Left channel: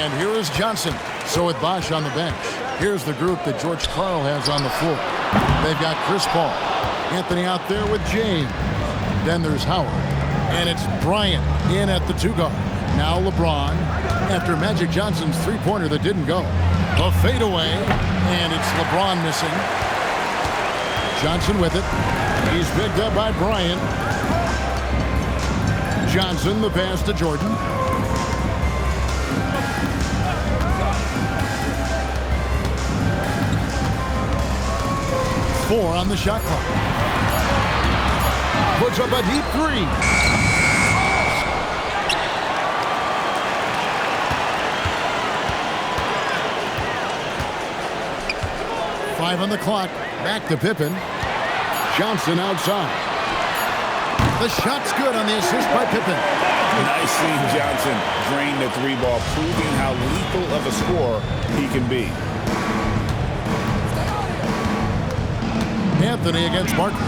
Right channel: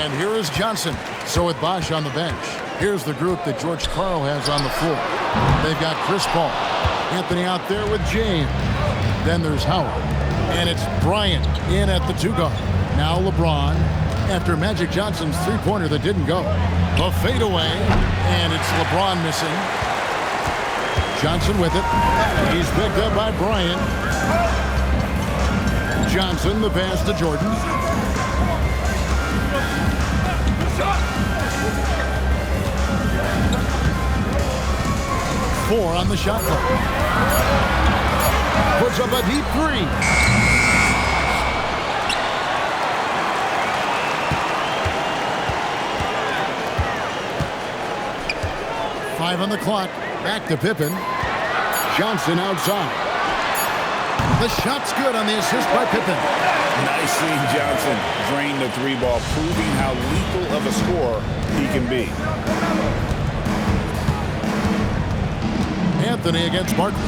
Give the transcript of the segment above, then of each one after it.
And here is Johnson. So with Bosch on the bench, here's the group that George Karl has on the floor. They've got Chris Paul. Anthony out there with James. Then there's Howard. And it's Bryant in at the 2 guard. Now LeBron after Magic Johnson's three-pointer that didn't go. The fadeaway, and it's LeBron missing. Johnson with it. He's picked up by Bryant. Johnson, the pass to Jordan. Four on the shot clock. Puts up a deep three. Five on the clock. Back to Pippen. Johnson outside. The shot's good on the assist by Pippen. Nice seeing Johnson drain the 3-ball, proving how lethal of a scorer he can be. Anthony against Barkley.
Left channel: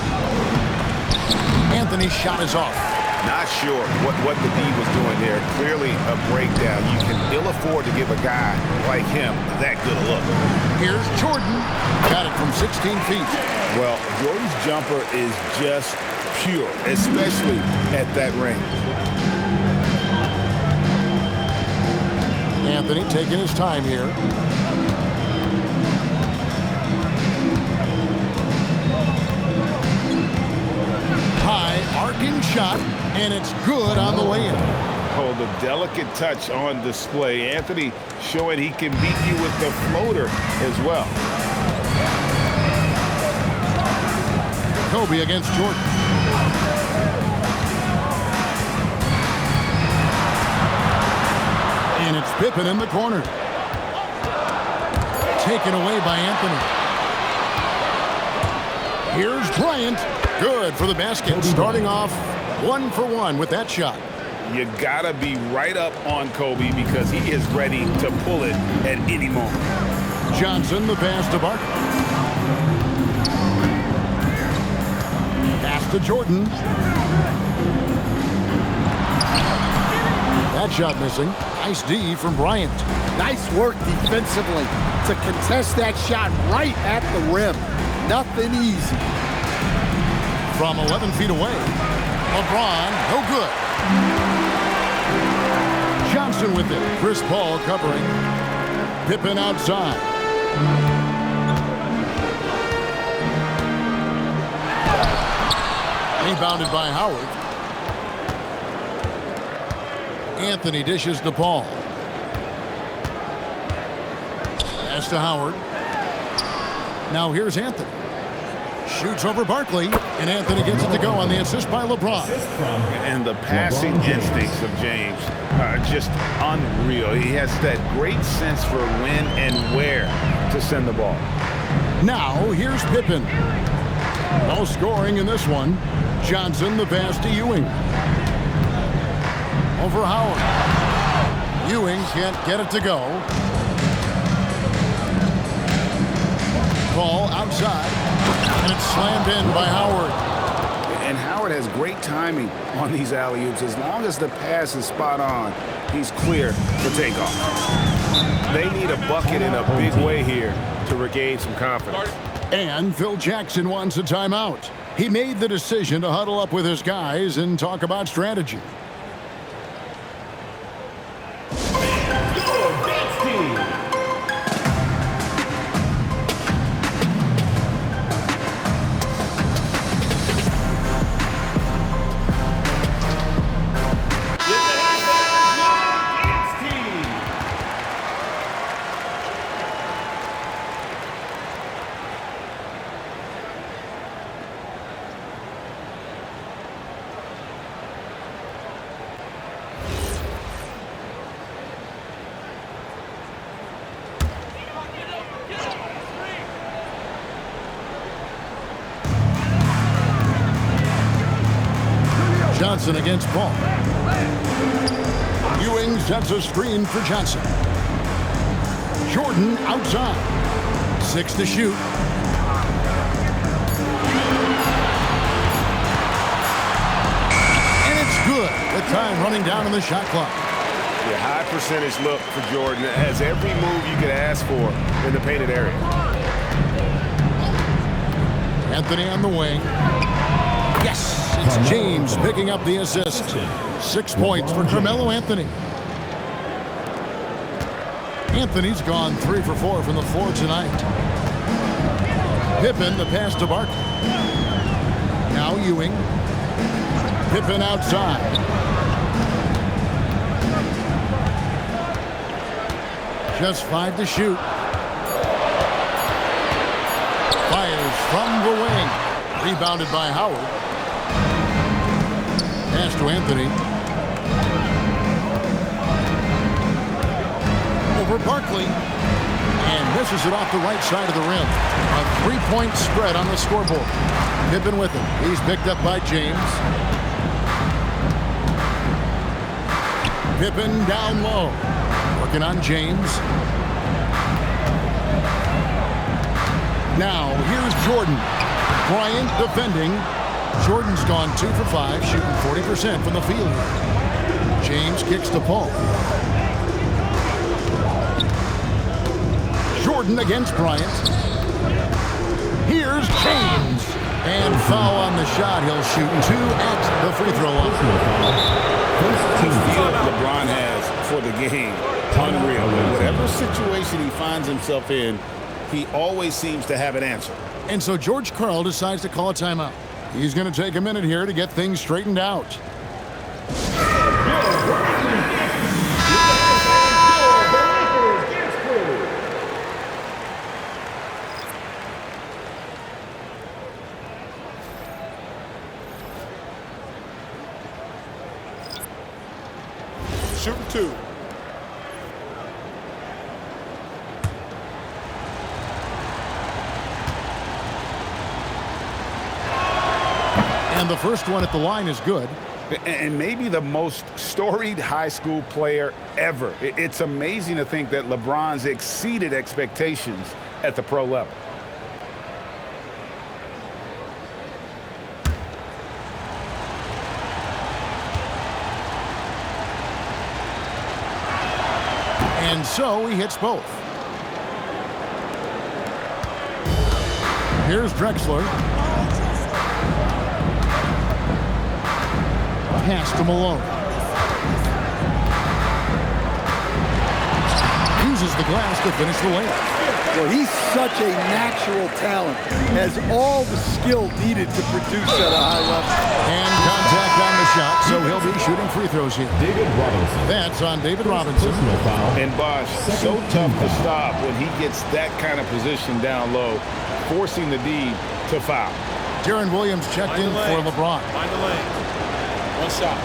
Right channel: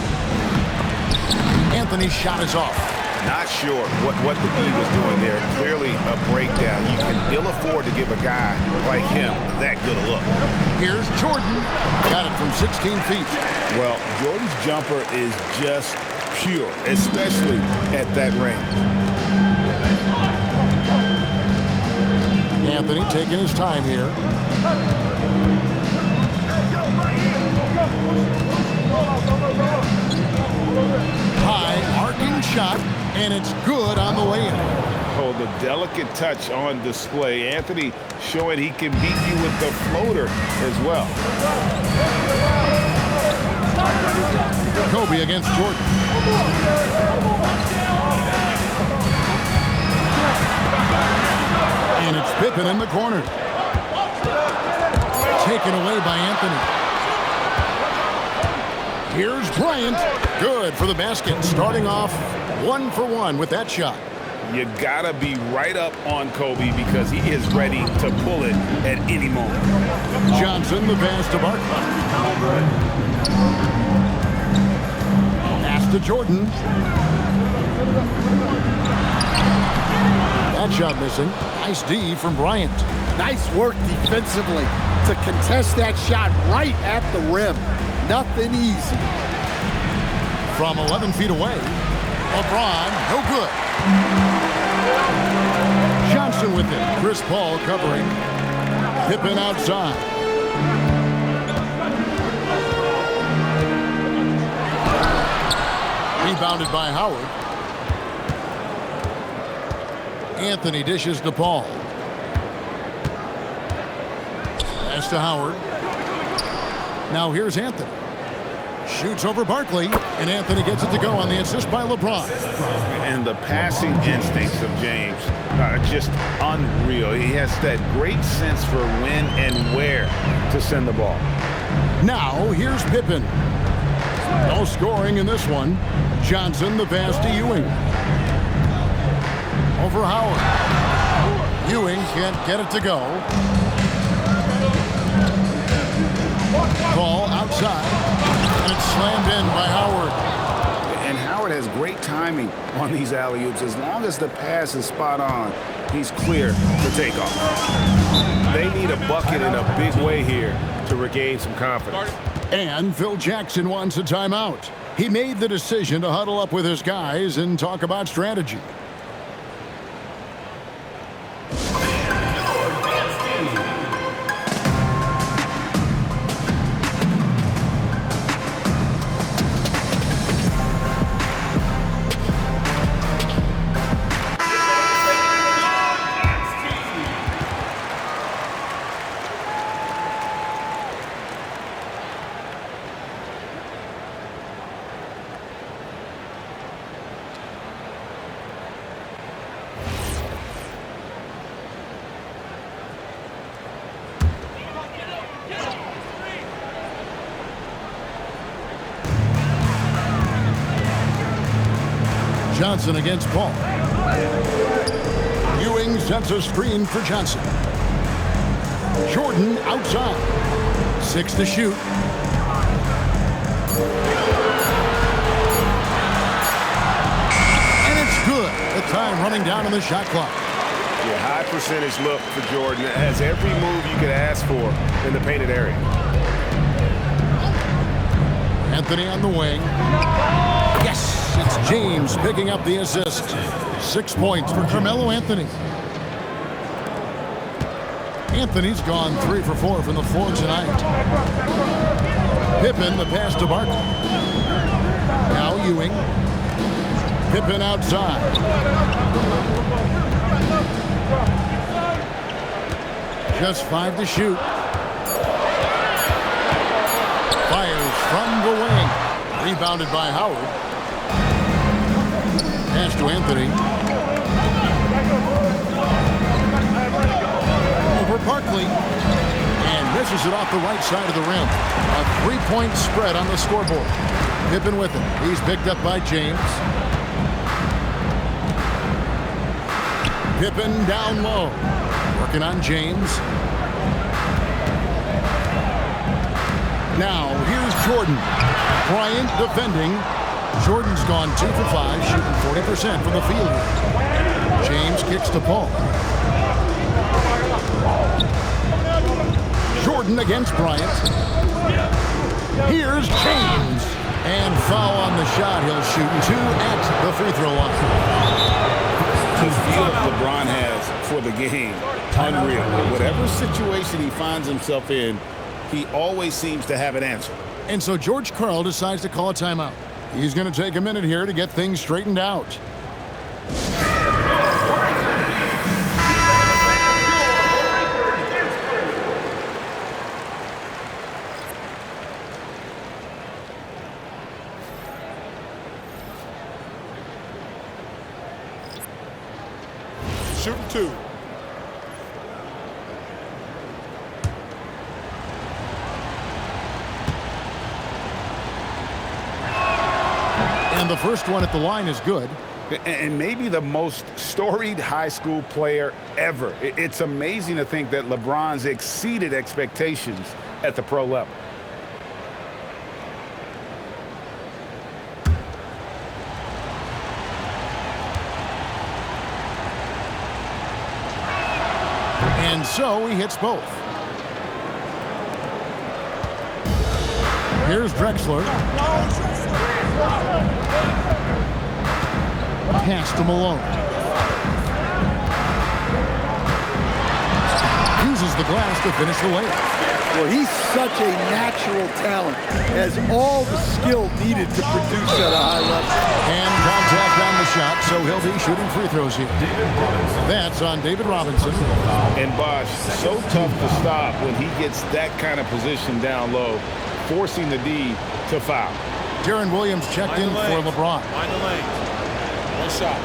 Anthony's shot is off. Not sure what the D was doing there. Clearly a breakdown. You can ill afford to give a guy like him that good a look. Here's Jordan. Got it from 16 feet. Well, Jordan's jumper is just pure, especially at that range. Anthony taking his time here. High arcing shot, and it's good on the way in. Oh, the delicate touch on display. Anthony showing he can beat you with the floater as well. Kobe against Jordan. And it's Pippen in the corner. Taken away by Anthony. Here's Bryant. Good for the basket. Starting off 1 for 1 with that shot. You gotta be right up on Kobe because he is ready to pull it at any moment. Johnson, the pass to Barkley. Pass to Jordan. That shot missing. Nice D from Bryant. Nice work defensively to contest that shot right at the rim. Nothing easy. From 11 feet away, LeBron, no good. Johnson with it. Chris Paul covering. Pippen outside. Rebounded by Howard. Anthony dishes to Paul. Pass to Howard. Now here's Anthony. Shoots over Barkley, and Anthony gets it to go on the assist by LeBron. And the passing instincts of James are just unreal. He has that great sense for when and where to send the ball. Now here's Pippen. No scoring in this one. Johnson, the pass to Ewing. Over Howard. Ewing can't get it to go. Ball outside, and it's slammed in by Howard. And Howard has great timing on these alley-oops. As long as the pass is spot on, he's clear for takeoff. They need a bucket in a big way here to regain some confidence. And Phil Jackson wants a timeout. He made the decision to huddle up with his guys and talk about strategy. Johnson against Paul. Ewing sets a screen for Johnson. Jordan outside. 6 to shoot. And it's good with time running down on the shot clock. Yeah, high percentage look for Jordan. It has every move you could ask for in the painted area. Anthony on the wing. Yes, it's James picking up the assist. 6 points for Carmelo Anthony. Anthony's gone 3 for 4 from the floor tonight. Pippen, the pass to Barkley. Now Ewing. Pippen outside. Just 5 to shoot. Fires from the wing. Rebounded by Howard. Pass to Anthony. Over Barkley. And misses it off the right side of the rim. A 3-point spread on the scoreboard. Pippen with him. He's picked up by James. Pippen down low. Working on James. Now, here's Jordan. Bryant defending. Jordan's gone 2 for 5, shooting 40% from the field here. James kicks to Paul. Jordan against Bryant. Here's James. And foul on the shot. He'll shoot 2 at the free throw line. The feel LeBron has for the game, unreal. Whatever situation he finds himself in, he always seems to have an answer. And so George Karl decides to call a timeout. He's going to take a minute here to get things straightened out. Shooting 2. And the first one at the line is good. And maybe the most storied high school player ever. It's amazing to think that LeBron's exceeded expectations at the pro level. And so he hits both. Here's Drexler. Pass to Malone. Uses the glass to finish the layup. Well, he's such a natural talent. Has all the skill needed to produce at a high level. And contact on the shot, so he'll be shooting free throws here. That's on David Robinson. And Bosh, so tough to stop when he gets that kind of position down low, forcing the D to foul. Deron Williams checked in for LeBron. Find the lane. One shot.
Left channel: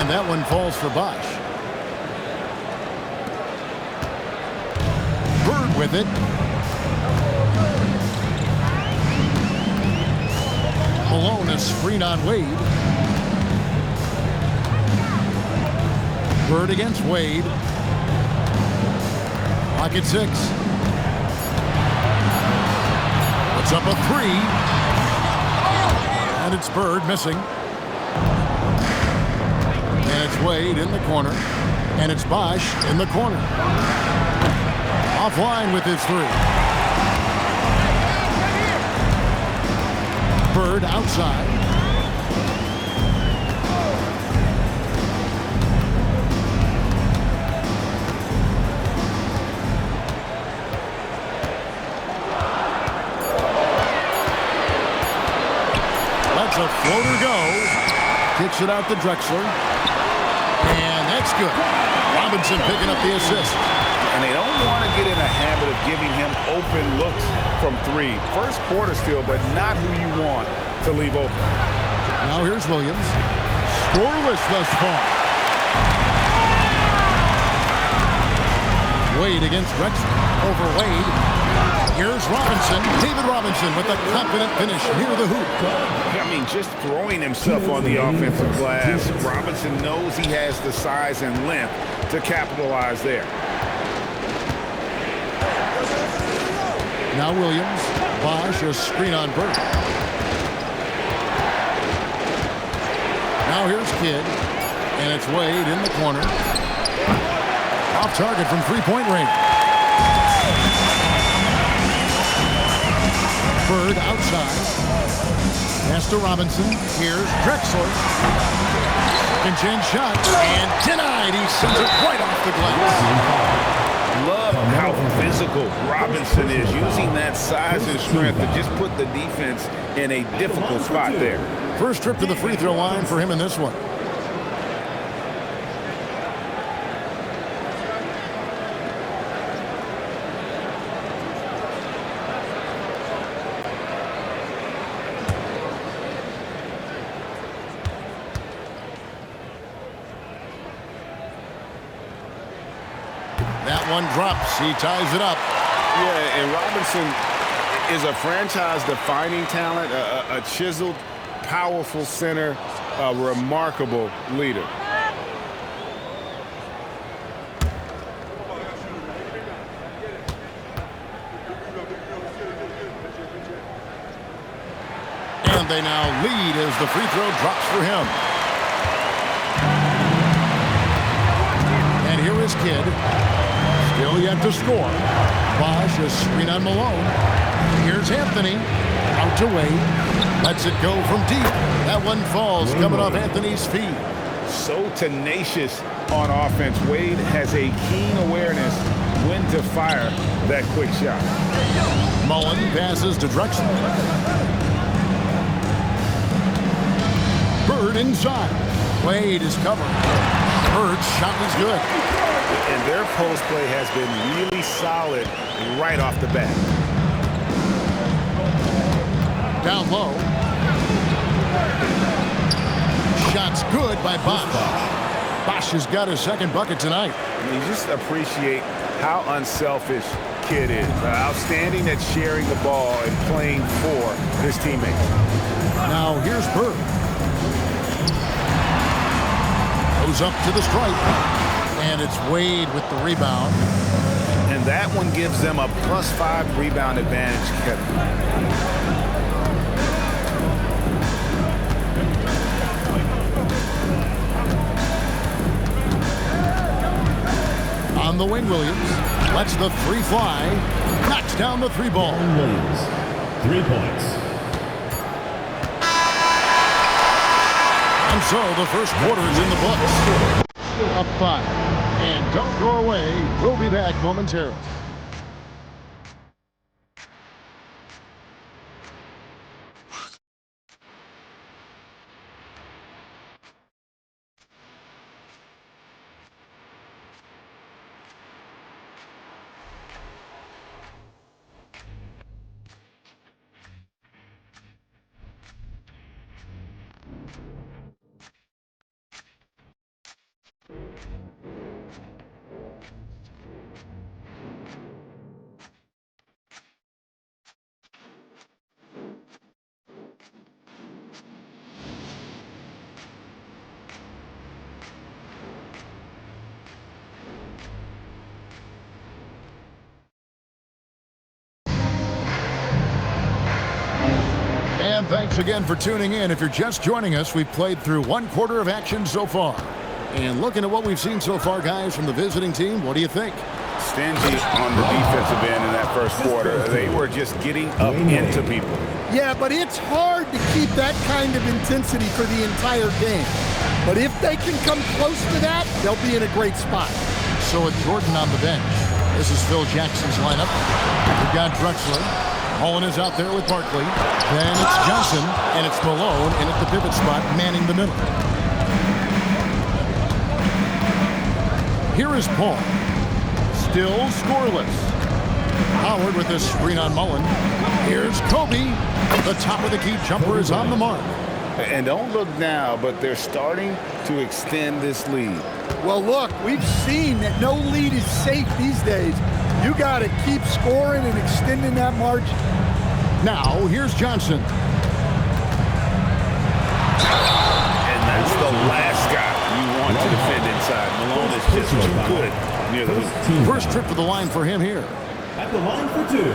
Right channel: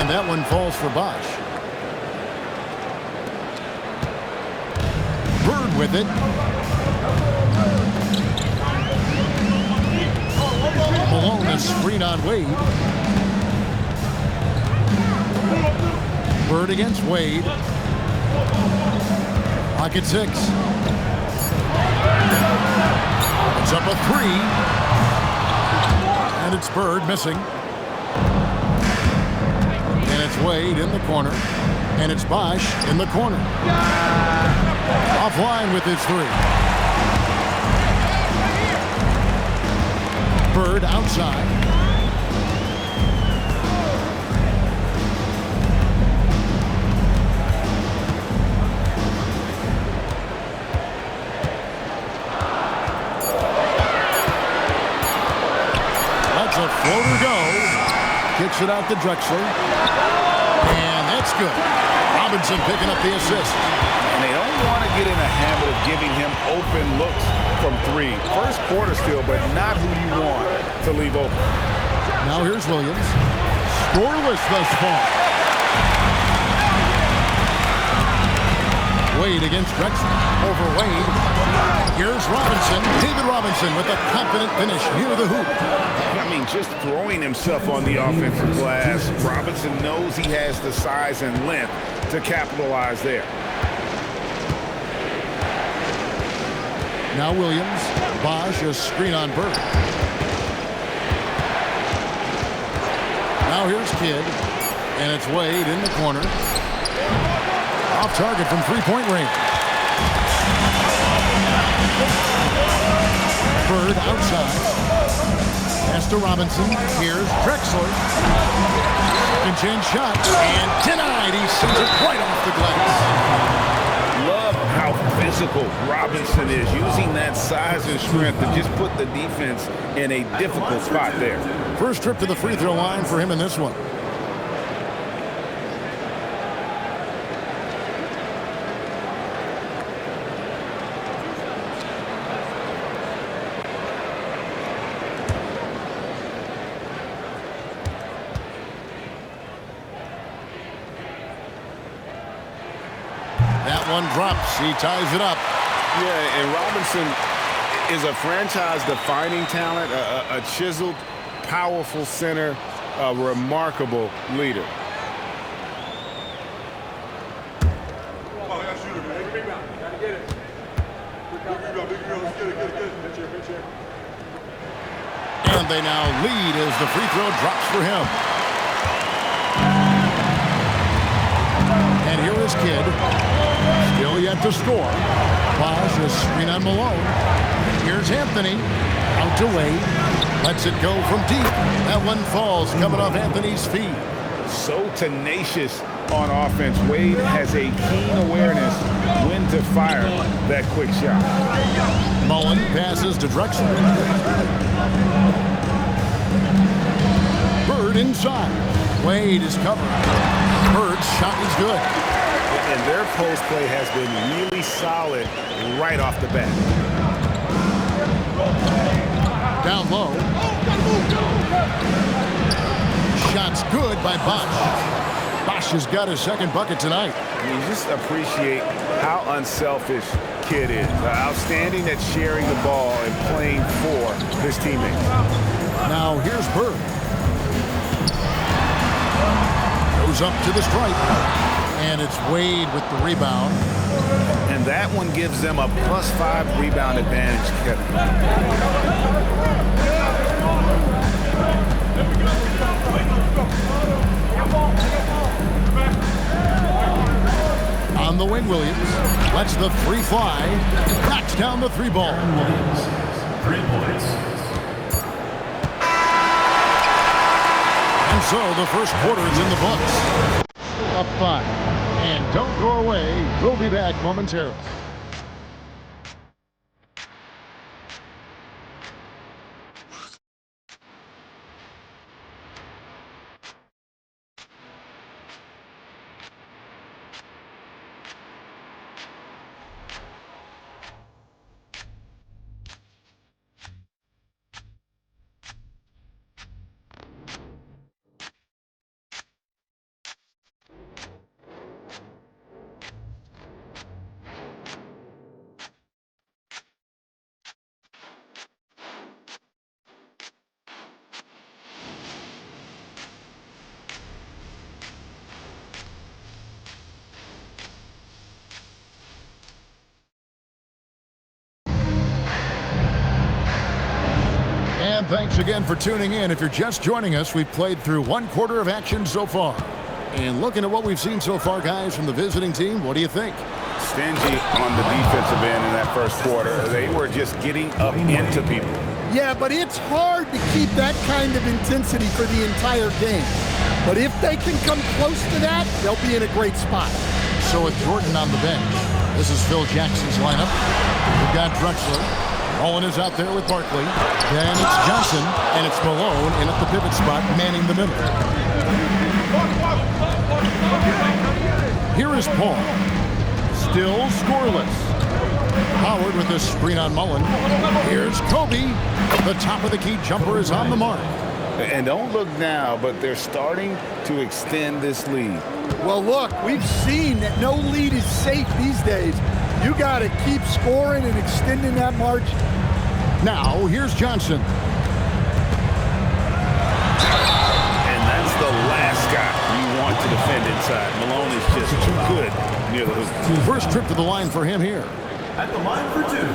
And that one falls for Bosh. Bird with it. Malone is screen on Wade. Bird against Wade. Clock at 6. It's up a 3. And it's Bird missing. And it's Wade in the corner. And it's Bosh in the corner. Offline with his 3. Bird outside. Lets a floater go. Kicks it out to Drexler. And that's good. Robinson picking up the assist. And they don't want to get in a habit of giving him open looks from 3. First quarter still, but not who you want to leave open. Now here's Williams. Scoreless thus far. Wade against Drexler. Over Wade. Here's Robinson. David Robinson with a confident finish near the hoop. I mean, just throwing himself on the offensive glass. Robinson knows he has the size and length to capitalize there. Now Williams. Bosch, a screen on Bird. Now here's Kidd. And it's Wade in the corner. Off target from three-point range. Bird outside. Pass to Robinson. Here's Drexler. Second chance shot. And denied. He sends it right off the glass. Love how physical Robinson is, using that size and strength to just put the defense in a difficult spot there. First trip to the free throw line for him in this one. That one drops. He ties it up. Yeah, and Robinson is a franchise-defining talent, a chiseled, powerful center, a remarkable leader. And they now lead as the free throw drops for him. And here is Kidd. Still yet to score. Bosch, a screen on Malone. Here's Anthony. Out to Wade. Lets it go from deep. That one falls coming off Anthony's feet. So tenacious on offense. Wade has a keen awareness when to fire that quick shot. Mullen passes to Drexler. Bird inside. Wade is covered. Bird's shot is good. And their post play has been really solid right off the bat. Down low. Shot's good by Bosch. Bosch has got his second bucket tonight. You just appreciate how unselfish Kidd is. Outstanding at sharing the ball and playing for his teammates. Now here's Bird. Goes up to the stripe. And it's Wade with the rebound. And that one gives them a +5 rebound advantage, Kevin. On the wing, Williams lets the three fly. Knocks down the three ball. Williams, 3 points. And so the first quarter is in the books. Up 5. And don't go away. We'll be back momentarily. And thanks again for tuning in. If you're just joining us, we've played through one quarter of action so far. And looking at what we've seen so far, guys, from the visiting team, what do you think? Stingy on the defensive end in that first quarter. They were just getting up into people. Yeah, but it's hard to keep that kind of intensity for the entire game. But if they can come close to that, they'll be in a great spot. So with Jordan on the bench, this is Phil Jackson's lineup. We've got Drexler. Mullen is out there with Barkley. Then it's Johnson, and it's Malone in at the pivot spot, manning the middle. Here is Paul. Still scoreless. Howard with a screen on Mullen. Here's Kobe. The top of the key jumper is on the mark. And don't look now, but they're starting to extend this lead. Well, look, we've seen that no lead is safe these days. You got to keep scoring and extending that margin. Now, here's Johnson. And that's the last guy you want to defend inside. Malone is just too good near the hoop. First trip to the line for him here. At the line for 2,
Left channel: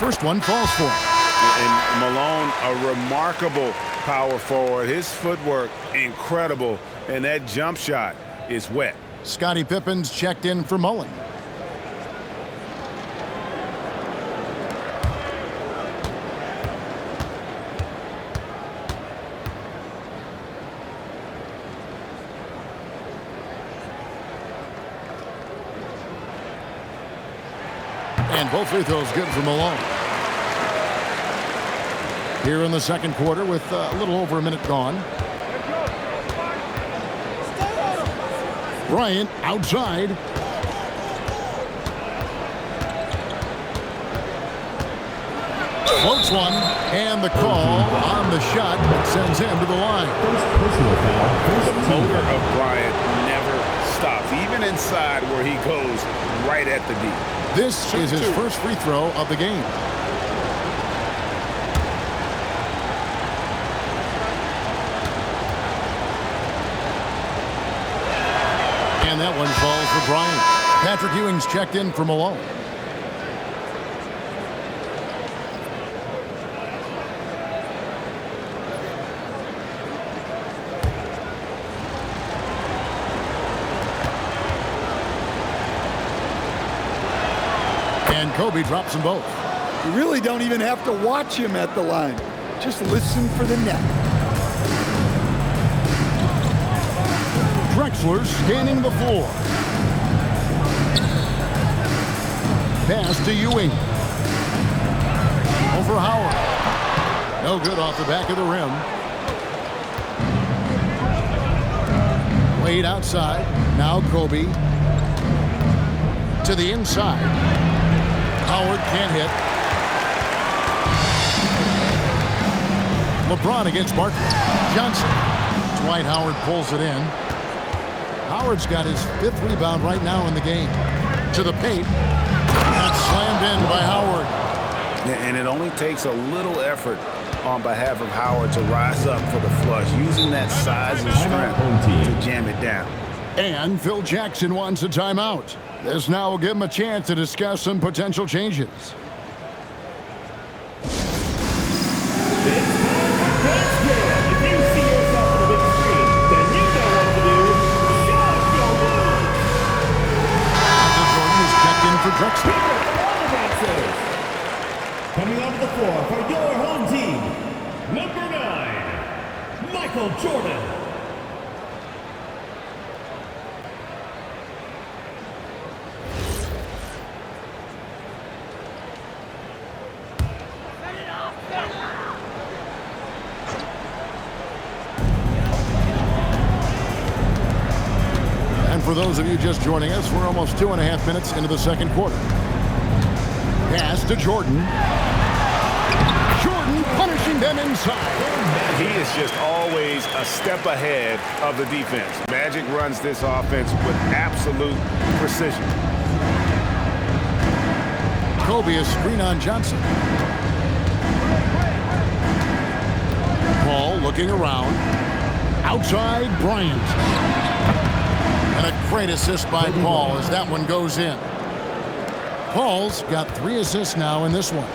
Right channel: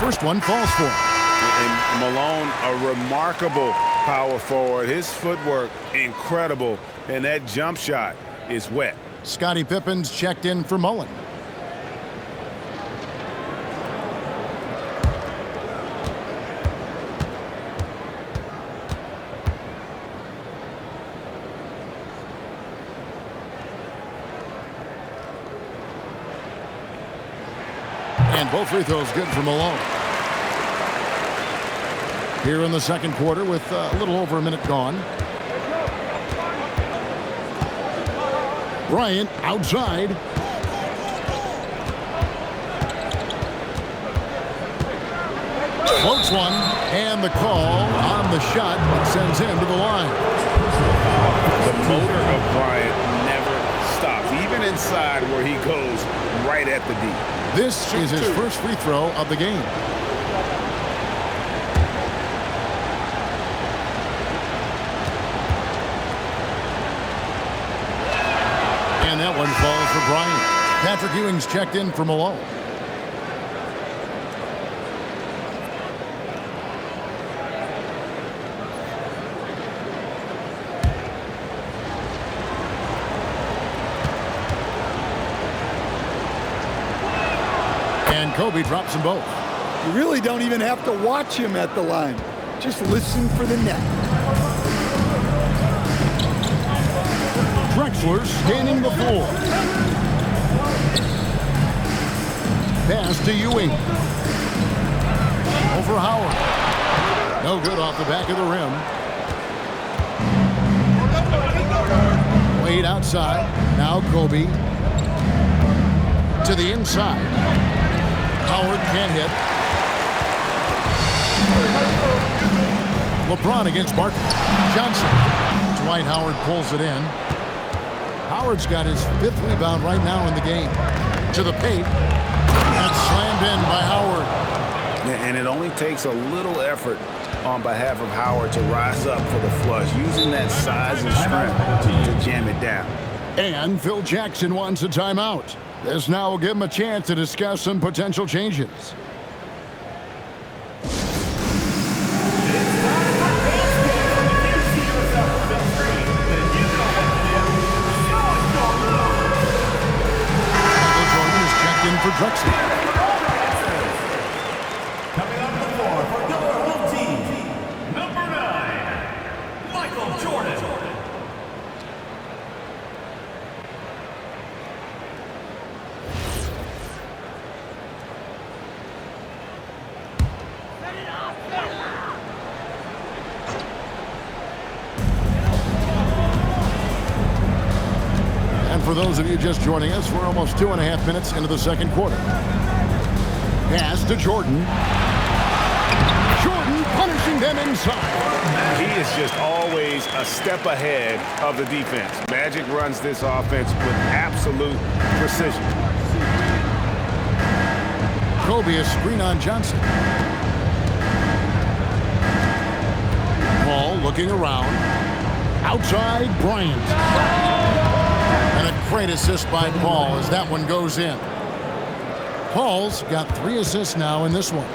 First one falls for him. And Malone, a remarkable power forward. His footwork, incredible. And that jump shot is wet. Scottie Pippen's checked in for Mullen. And both free throws good for Malone. Here in the second quarter with a little over a minute gone. Bryant outside. Floats one, and the call on the shot that sends him to the line. The motor of Bryant never stops, even inside where he goes right at the D. This is his first free throw of the game. And that one falls for Bryant. Patrick Ewing's checked in for Malone. And Kobe drops them both. You really don't even have to watch him at the line. Just listen for the net. Drexler scanning the floor. Pass to Ewing. Over Howard. No good off the back of the rim. Wade outside. Now Kobe. To the inside. Howard can't hit. LeBron against Barkley. Johnson. Dwight Howard pulls it in. Howard's got his 5th rebound right now in the game. To the paint. And slammed in by Howard. And it only takes a little effort on behalf of Howard to rise up for the flush, using that size and strength to jam it down. And Phil Jackson wants a timeout. This now will give him a chance to discuss some potential changes. Checked in for Drexler. Coming onto the floor for your home team, number 9, Michael Jordan. And for those of you just joining us, we're almost 2.5 minutes into the second quarter. Pass to Jordan. Jordan punishing them inside. He is just always a step ahead of the defense. Magic runs this offense with absolute precision. Kobe a screen on Johnson. Paul looking around. Outside Bryant. And a great assist by Paul as that one goes in. Paul's got 3 assists now in this one.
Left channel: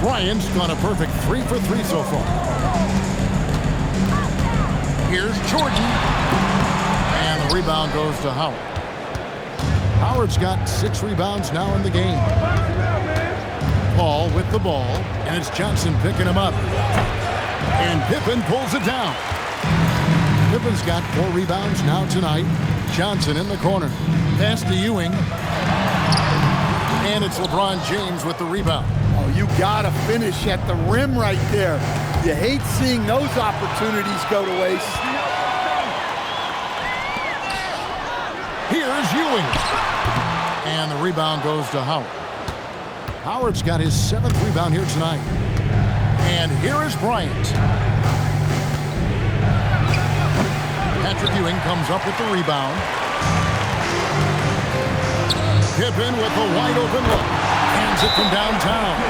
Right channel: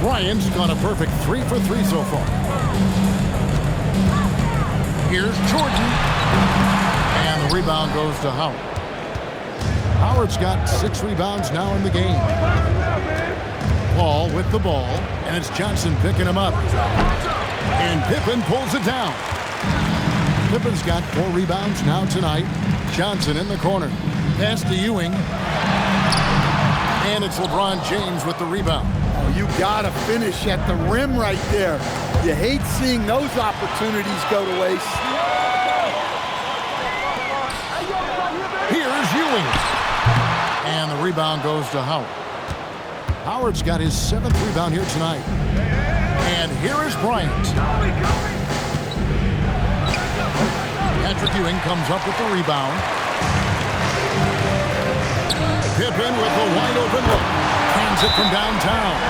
Bryant's gone a perfect 3 for 3 so far. Here's Jordan. And the rebound goes to Howard. Howard's got 6 rebounds now in the game. Paul with the ball, and it's Johnson picking him up. And Pippen pulls it down. Pippen's got 4 rebounds now tonight. Johnson in the corner. Pass to Ewing. And it's LeBron James with the rebound. Oh, you gotta finish at the rim right there. You hate seeing those opportunities go to waste. Here's Ewing. And the rebound goes to Howard. Howard's got his 7th rebound here tonight. And here is Bryant. Patrick Ewing comes up with the rebound. Pippen with a wide open look. Hands it from downtown.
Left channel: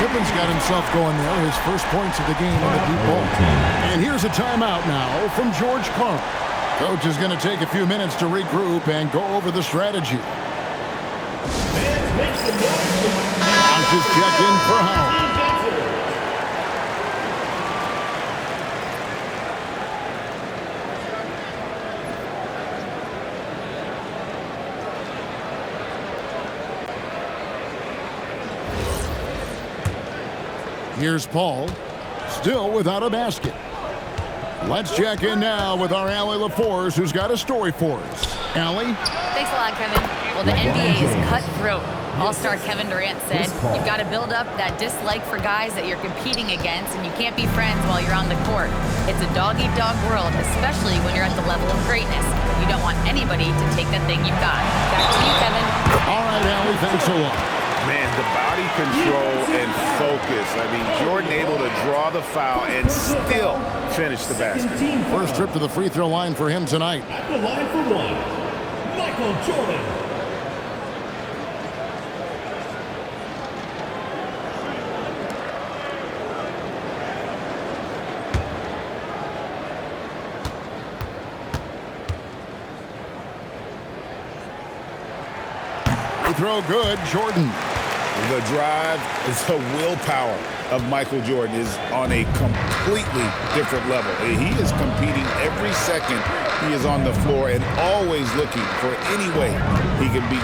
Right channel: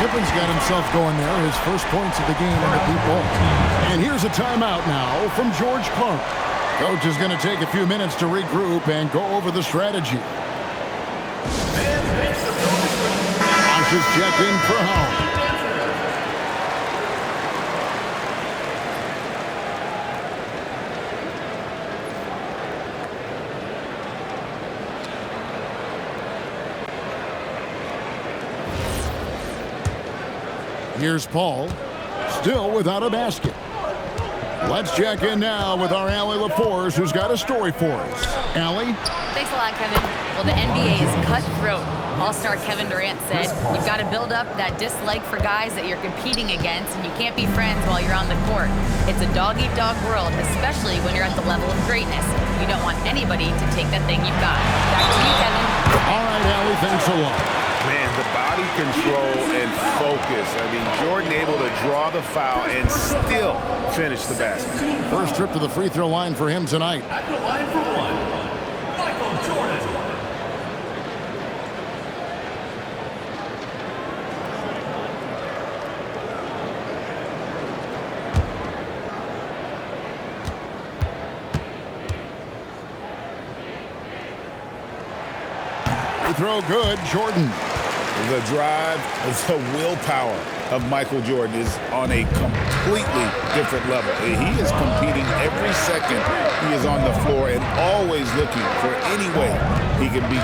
Pippen's got himself going there. His first points of the game in the deep ball. And here's a timeout now from George Carl. Coach is going to take a few minutes to regroup and go over the strategy. A Bosh is checked in for Howard. Here's Paul, still without a basket. Let's check in now with our Allie LaForce, who's got a story for us. Allie? Thanks a lot, Kevin. Well, the NBA is cutthroat. All-star Kevin Durant said, you've got to build up that dislike for guys that you're competing against, and you can't be friends while you're on the court. It's a dog-eat-dog world, especially when you're at the level of greatness. You don't want anybody to take that thing you've got. Back to you, Kevin. All right, Allie, thanks a lot. Man, the body control and focus. I mean, Jordan able to draw the foul and still finish the basket. First trip to the free throw line for him tonight. At the line for one, Michael Jordan. Free throw good, Jordan. The drive, the willpower of Michael Jordan is on a completely different level. He is competing every second he is on the floor and always looking for any way he can beat.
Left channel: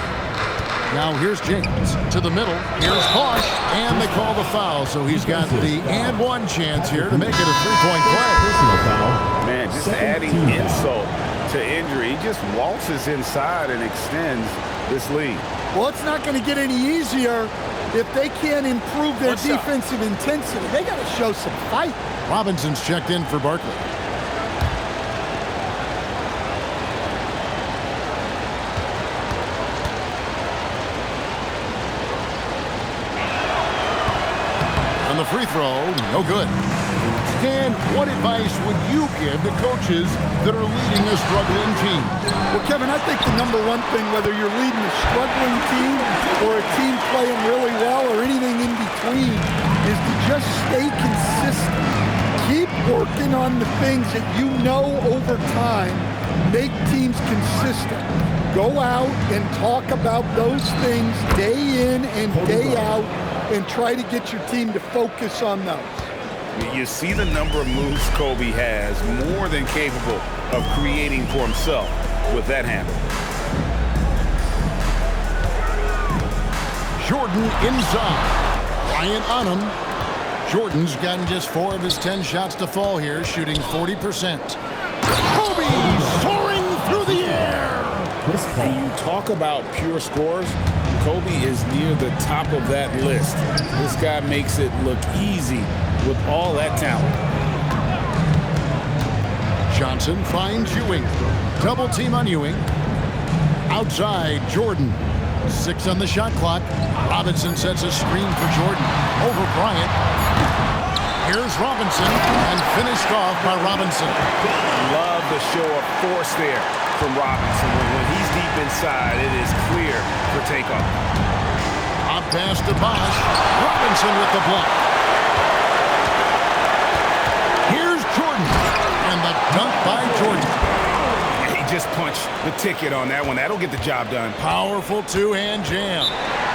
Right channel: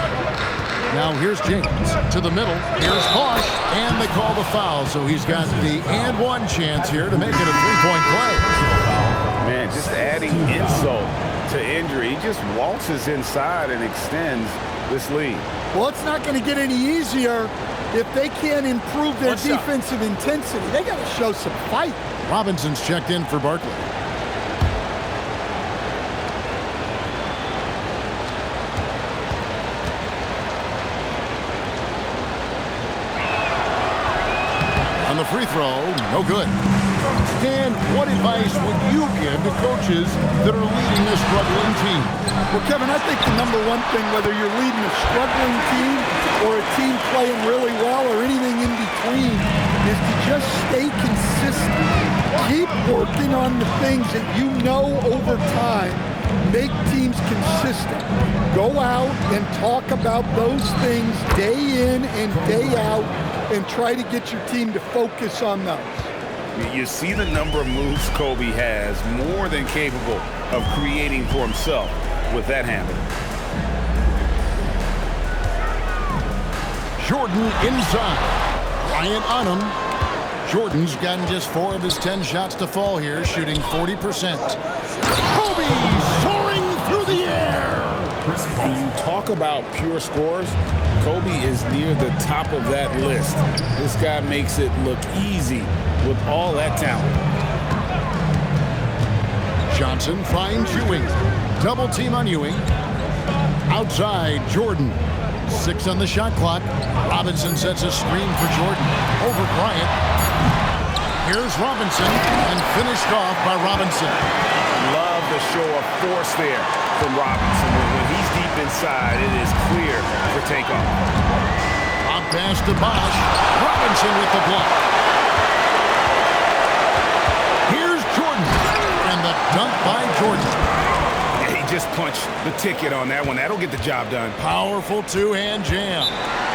Now here's James to the middle. Here's Bosh, and they call the foul. So he's got the and one chance here to make it a three-point play. Man, just adding insult to injury. He just waltzes inside and extends this lead. Well, it's not going to get any easier if they can't improve their defensive intensity. They got to show some fight. Robinson's checked in for Barkley. On the free throw, no good. Stan, what advice would you give to coaches that are leading a struggling team? Well, Kevin, I think the number one thing, whether you're leading a struggling team or a team playing really well or anything in between, is to just stay consistent. Keep working on the things that you know over time make teams consistent. Go out and talk about those things day in and day out and try to get your team to focus on those. You see the number of moves Kobe has, more than capable of creating for himself with that handle. Jordan inside. Bryant on him. Jordan's gotten just 4 of his 10 shots to fall here, shooting 40%. Kobe soaring through the air. And you talk about pure scores, Kobe is near the top of that list. This guy makes it look easy with all that talent. Johnson finds Ewing. Double team on Ewing. Outside, Jordan. 6 on the shot clock. Robinson sets a screen for Jordan. Over Bryant. Here's Robinson, and finished off by Robinson. Love the show of force there from Robinson. When he's deep inside, it is clear for takeoff. Up pass to Bosh. Robinson with the block. Here's Jordan, and the dunk by Jordan. He just punched the ticket on that one. That'll get the job done. Powerful two-hand jam.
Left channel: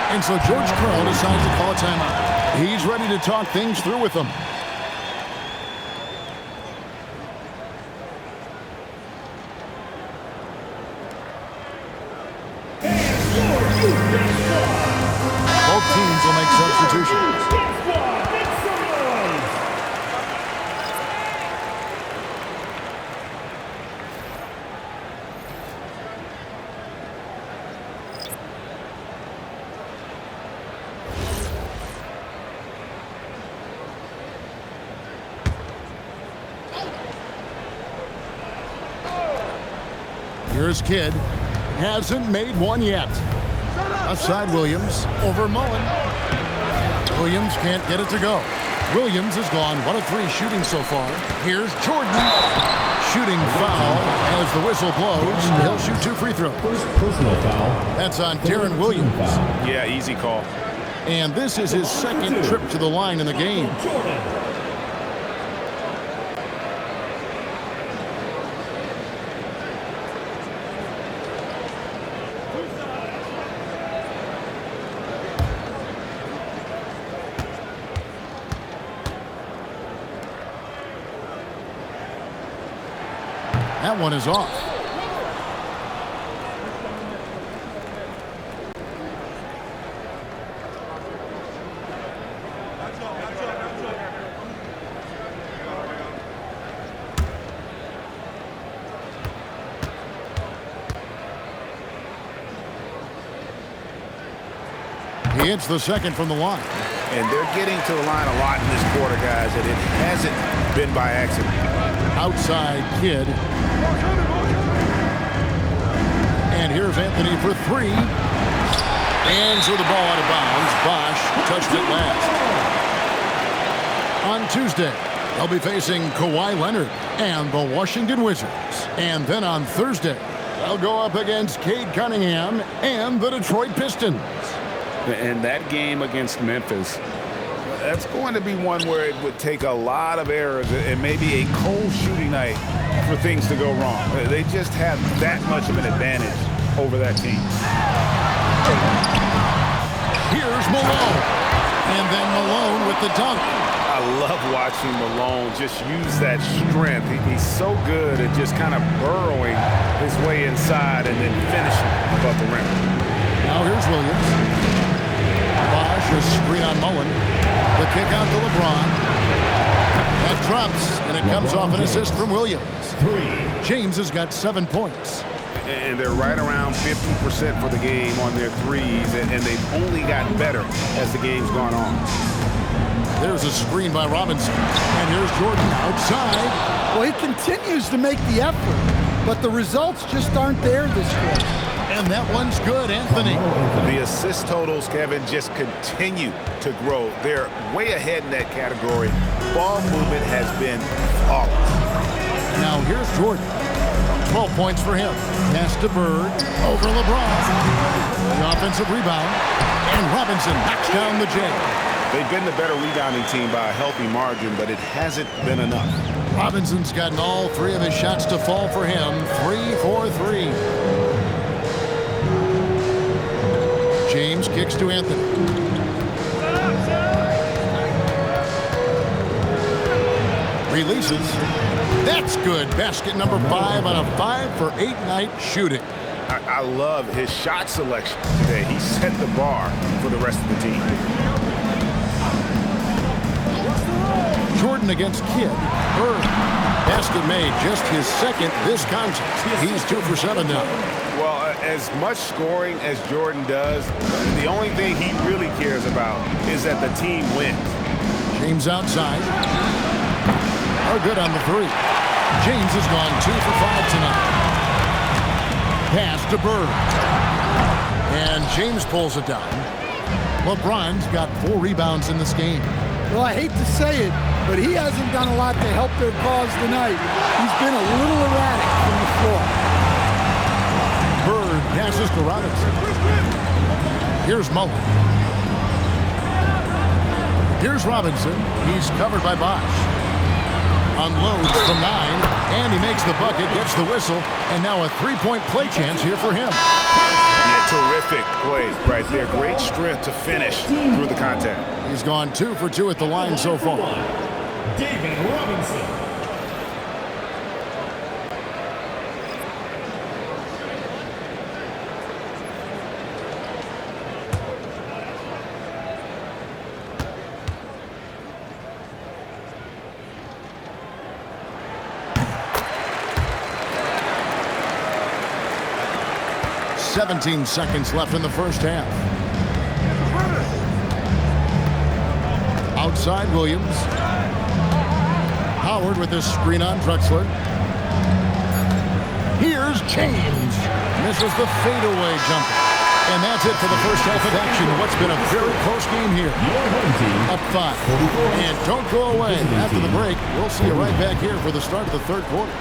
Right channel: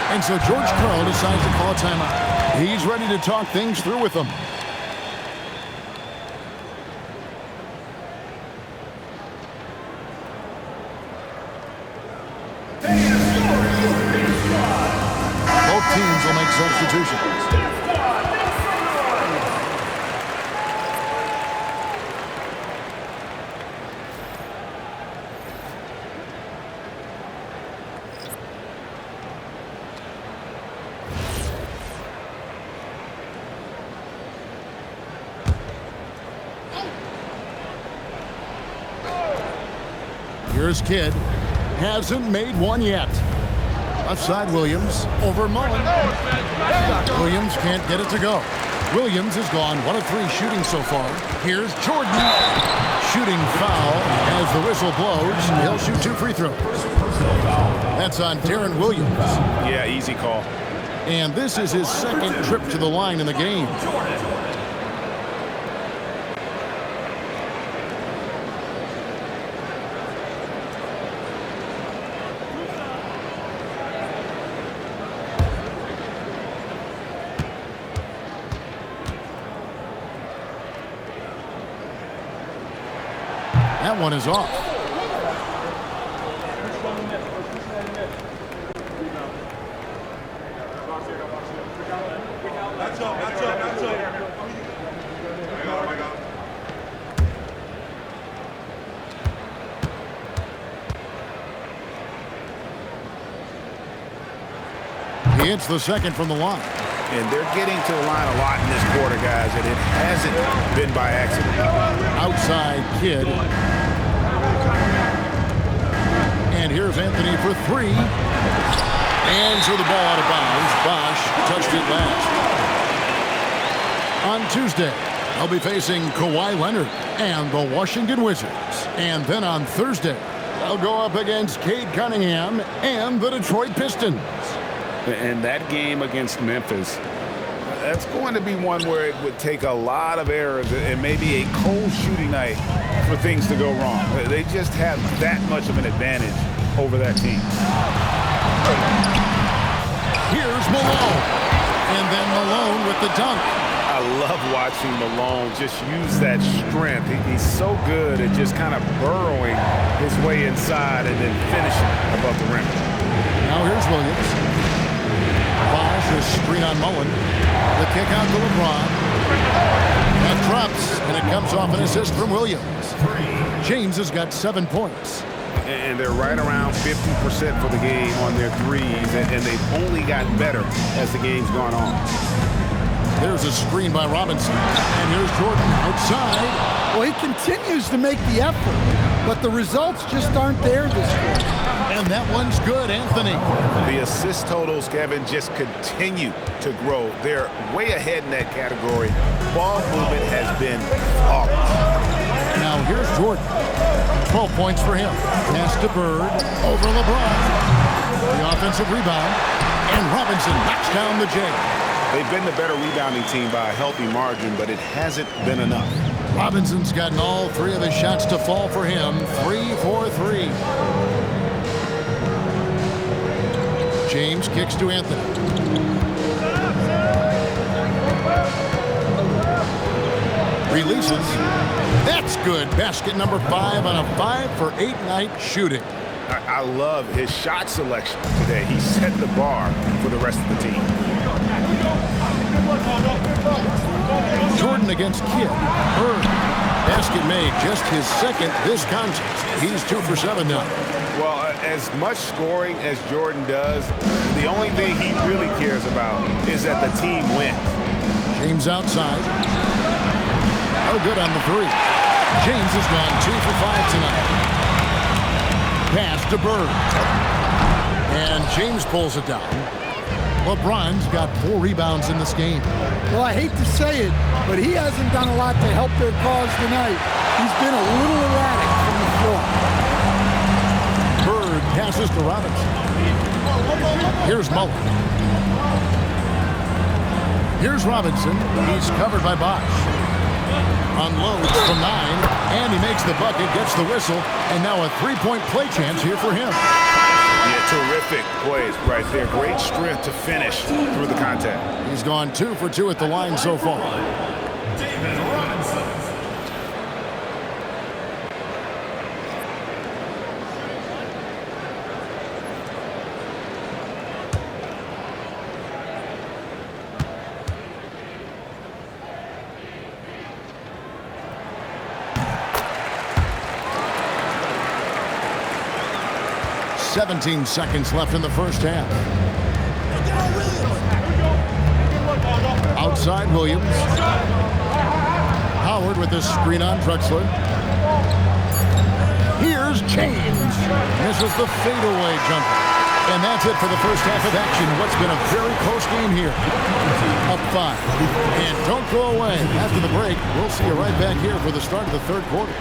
And so George Karl decides to call a timeout. He's ready to talk things through with them. Both teams will make substitutions. Here's Kidd. Hasn't made one yet. Outside Williams. Over Mullen. Williams can't get it to go. Williams has gone 1 of 3 shooting so far. Here's Jordan. Shooting foul as the whistle blows. He'll shoot 2 free throws. Personal foul. That's on Darren Williams. Yeah, easy call. And this is his second trip to the line in the game. That one is off. He hits the second from the line. And they're getting to the line a lot in this quarter, guys, and it hasn't been by accident. Outside Kidd. And here's Anthony for three. And threw the ball out of bounds. Bosch touched it last. On Tuesday, they'll be facing Kawhi Leonard and the Washington Wizards. And then on Thursday, they'll go up against Cade Cunningham and the Detroit Pistons. And that game against Memphis, that's going to be one where it would take a lot of errors and maybe a cold shooting night for things to go wrong. They just have that much of an advantage over that team. Here's Malone. And then Malone with the dunk. I love watching Malone just use that strength. He's so good at just kind of burrowing his way inside and then finishing above the rim. Now here's Williams. Bosch, a screen on Mullen. The kick out to LeBron. That drops, and it comes off an assist from Williams. James has got 7 points. And they're right around 50% for the game on their threes, and they've only gotten better as the game's gone on. There's a screen by Robinson. And here's Jordan outside. Well, he continues to make the effort, but the results just aren't there this quarter. And that one's good, Anthony. The assist totals, Kevin, just continue to grow. They're way ahead in that category. Ball movement has been flawless. Now here's Jordan. 12 points for him. Pass to Bird over LeBron. The offensive rebound. And Robinson knocks down the J. They've been the better rebounding team by a healthy margin, but it hasn't been enough. Robinson's gotten all three of his shots to fall for him. 3 for 3. James kicks to Anthony. Releases. That's good. Basket number 5 on a 5 for 8 night shooting. I love his shot selection today. He set the bar for the rest of the team. Jordan against Kidd. Bird. Basket made, just his second this contest. He's 2 for 7 now. Well, as much scoring as Jordan does, the only thing he really cares about is that the team wins. James outside. Oh, good on the 3. James has gone 2 for 5 tonight. Pass to Bird. And James pulls it down. LeBron's got 4 rebounds in this game. Well, I hate to say it, but he hasn't done a lot to help their cause tonight. He's been a little erratic from the floor. Bird passes to Robinson. Here's Mullen. Here's Robinson. He's covered by Bosch. Unloads from 9, and he makes the bucket, gets the whistle, and now a 3-point play chance here for him. Yeah, terrific play right there. Great strength to finish through the contact. He's gone 2 for 2 at the line so far. David Robinson. "17 seconds left in the first half. Outside Williams. Howard with this screen on Drexler. Here's James. Misses the fadeaway jumper. And that's it for the first half of action. What's been a very close game here. Up 5. And don't go away. After the break, we'll see you right back here for the start of the third quarter.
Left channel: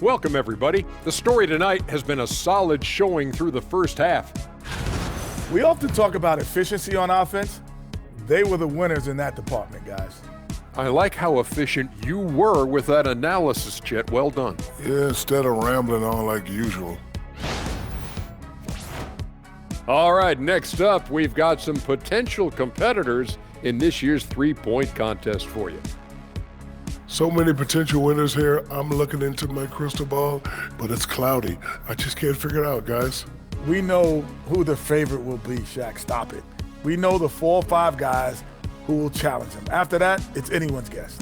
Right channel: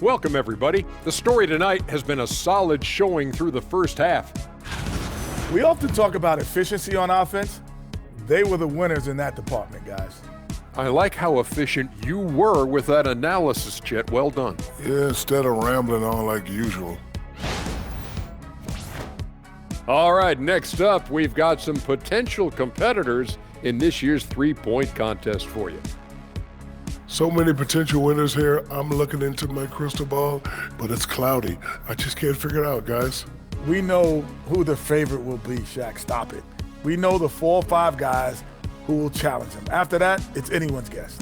Welcome, everybody. The story tonight has been a solid showing through the first half. We often talk about efficiency on offense. They were the winners in that department, guys. I like how efficient you were with that analysis, Chet. Well done. Yeah, instead of rambling on like usual. All right, next up, we've got some potential competitors in this year's three-point contest for you. So many potential winners here. I'm looking into my crystal ball, but it's cloudy. I just can't figure it out, guys. We know who the favorite will be, Shaq. Stop it. We know the 4 or 5 guys who will challenge him. After that, it's anyone's guess.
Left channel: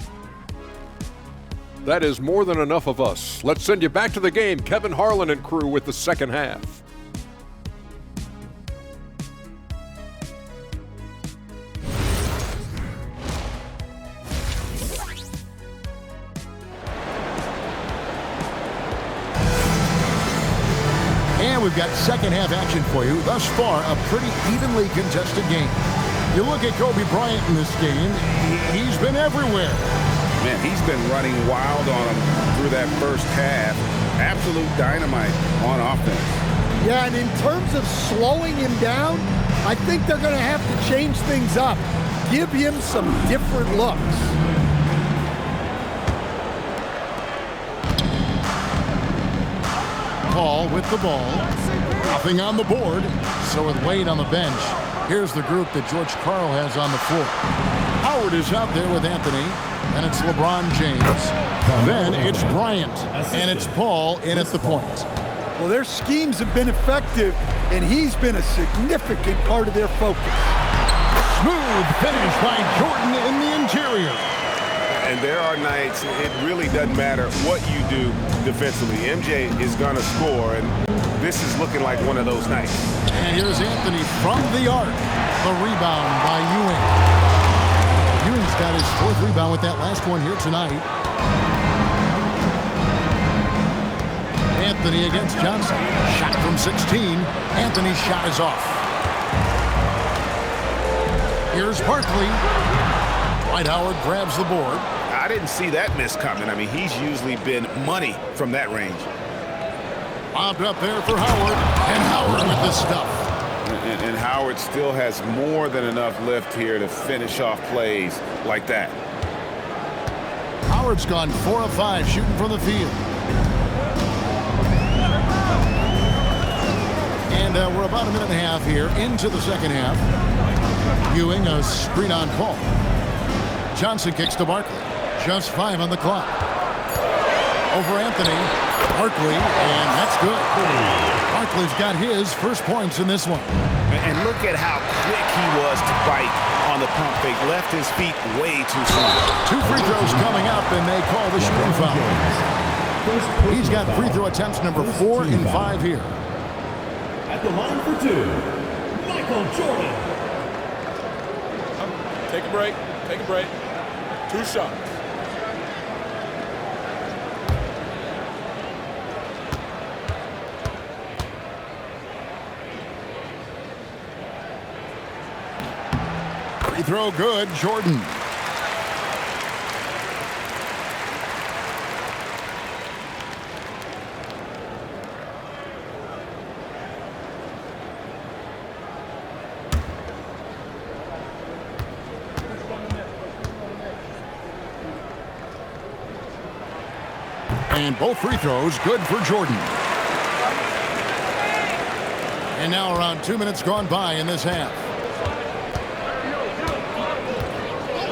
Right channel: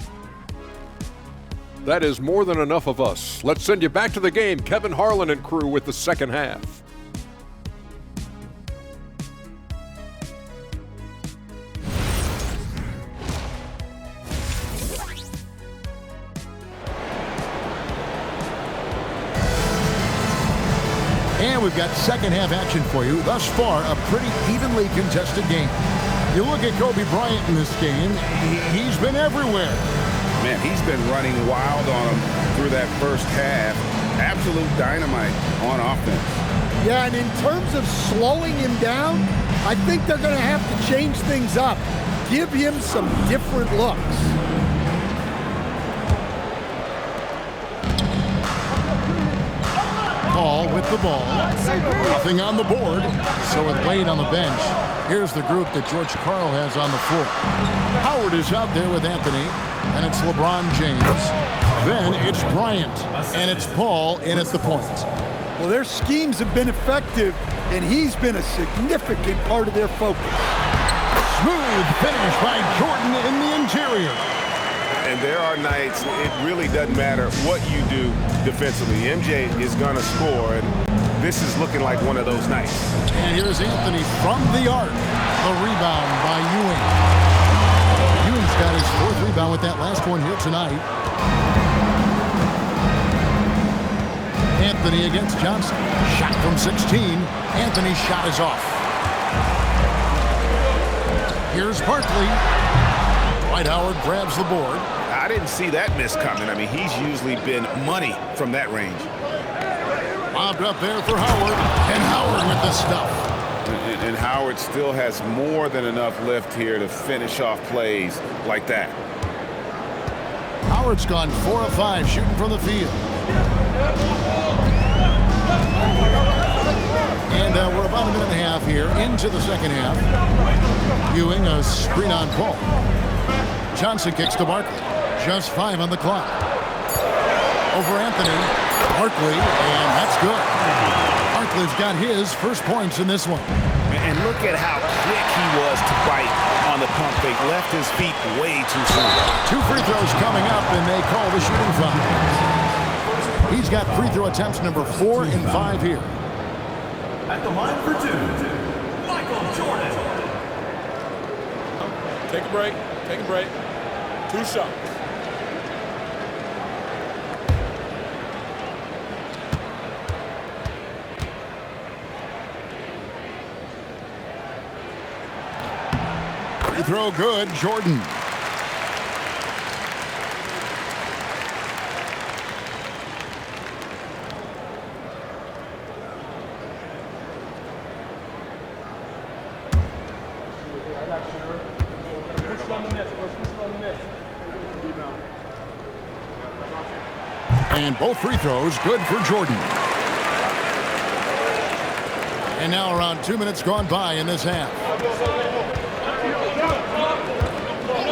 That is more than enough of us. Let's send you back to the game, Kevin Harlan and crew with the second half. And we've got second half action for you. Thus far, a pretty evenly contested game. You look at Kobe Bryant in this game, he's been everywhere. Man, he's been running wild on him through that first half. Absolute dynamite on offense. Yeah, and in terms of slowing him down, I think they're going to have to change things up. Give him some different looks. Paul with the ball. Nothing on the board. So with Wade on the bench, here's the group that George Karl has on the floor. Howard is out there with Anthony, and it's LeBron James. Then it's Bryant, and it's Paul in at the point. Well, their schemes have been effective, and he's been a significant part of their focus. Smooth finish by Jordan in the interior. And there are nights it really doesn't matter what you do defensively. MJ is going to score, and this is looking like one of those nights. And here's Anthony from the arc. The rebound by Ewing. Ewing's got his 4th rebound with that last one here tonight. Anthony against Johnson. Shot from 16. Anthony's shot is off. Here's Barkley. Dwight Howard grabs the board. I didn't see that miss coming. I mean, he's usually been money from that range. Lobbed up there for Howard. And Howard with the stuff. And Howard still has more than enough lift here to finish off plays like that. Howard's gone 4 of 5 shooting from the field. And we're about a minute and a half here into the second half. Ewing a screen on Paul. Johnson kicks to Barkley. Just 5 on the clock. Over Anthony. Barkley, and that's good. Barkley's got his first points in this one. And look at how quick he was to bite on the pump fake. Left his feet way too soon. 2 free throws coming up, and they call the shooting foul. He's got free throw attempts number 4 and 5 here. At the line for 2, Michael Jordan. Take a break. Take a break. 2 shots. Free throw good, Jordan. And both free throws good for Jordan. And now around 2 minutes gone by in this half.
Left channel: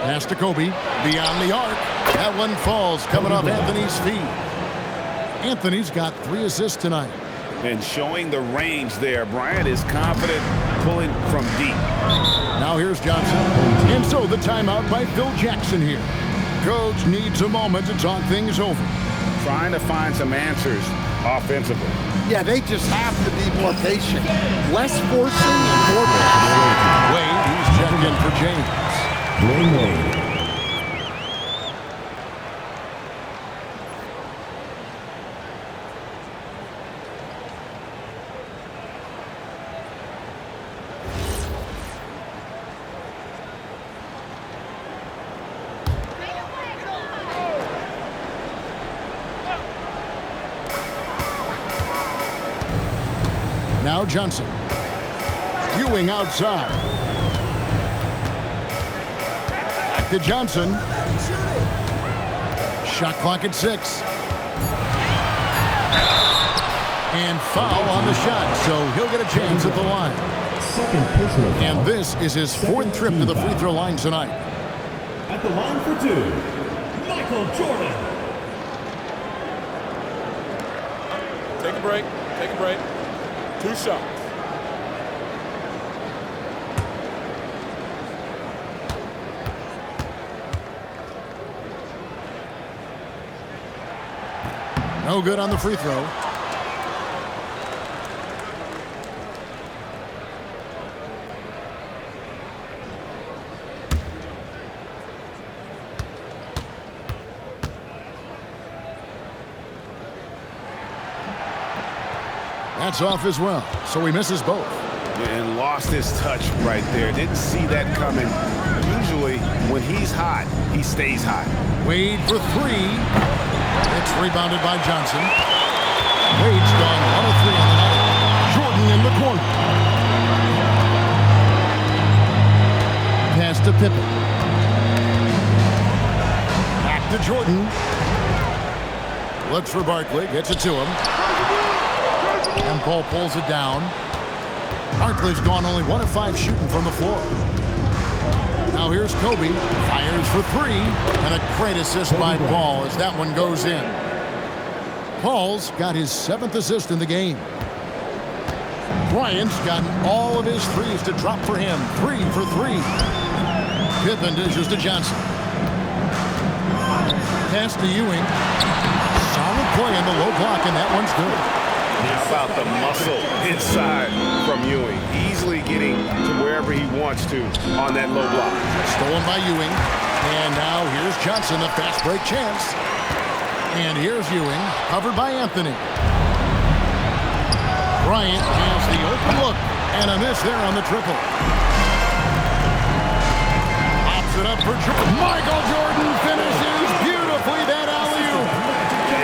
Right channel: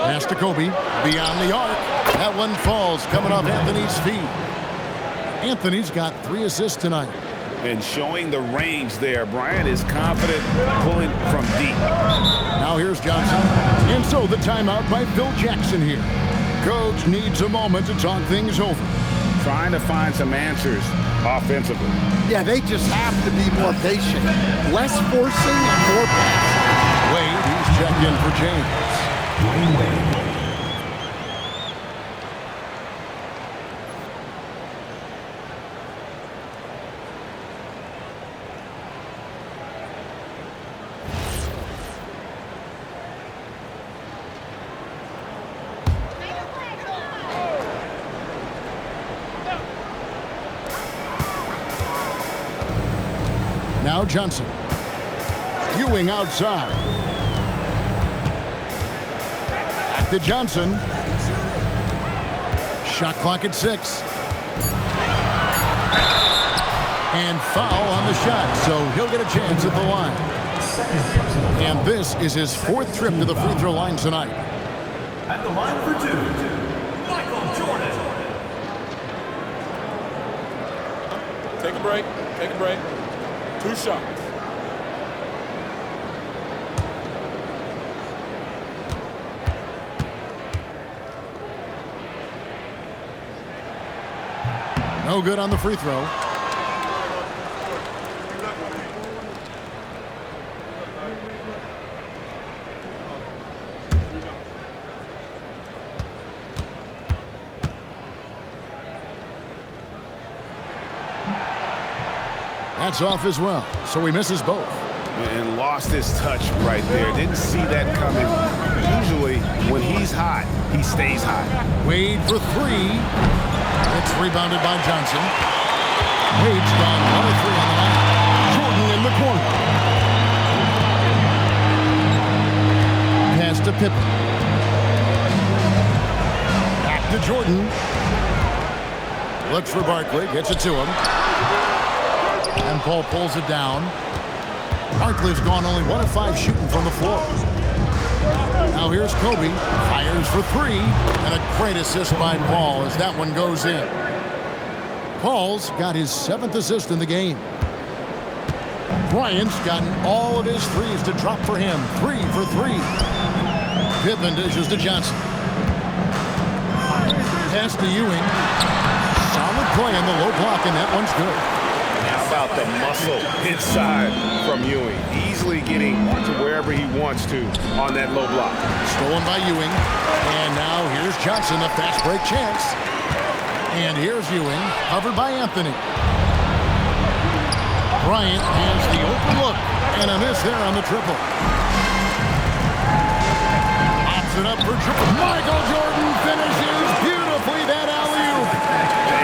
Pass to Kobe, beyond the arc. That one falls, coming off Anthony's feet. Anthony's got 3 assists tonight. And showing the range there. Bryant is confident pulling from deep. Now here's Johnson. And so the timeout by Phil Jackson here. Coach needs a moment to talk things over. Trying to find some answers offensively. Yeah, they just have to be more patient. Less forcing and more passing. Wade, he's checked in for James. Dwayne Wade. Now Johnson. Ewing outside. Back to Johnson. Shot clock at 6. And foul on the shot, so he'll get a chance at the line. And this is his 4th trip to the free throw line tonight. At the line for 2, Michael Jordan. Take a break. Take a break. 2 shots. No good on the free throw. That's off as well, so he misses both. And lost his touch right there. Didn't see that coming. Usually, when he's hot, he stays hot. Wade for 3. It's rebounded by Johnson. Wade's gone 1 of 3 on the night. Jordan in the corner. Pass to Pippen. Back to Jordan. Looks for Barkley, gets it to him. And Paul pulls it down. Barkley's gone only 1 of 5 shooting from the floor. Now here's Kobe, fires for 3, and a great assist by Paul as that one goes in. Paul's got his 7th assist in the game. Bryant's gotten all of his threes to drop for him, 3 for 3. Pippen dishes to Johnson. Pass to Ewing. Solid play in the low block, and that one's good. How about the muscle inside from Ewing? Easily getting to wherever he wants to on that low block. Stolen by Ewing. And now here's Johnson, a fast break chance. And here's Ewing, covered by Anthony. Bryant has the open look, and a miss there on the triple. Pops it up for Jordan. Michael Jordan finishes beautifully that alley-oop.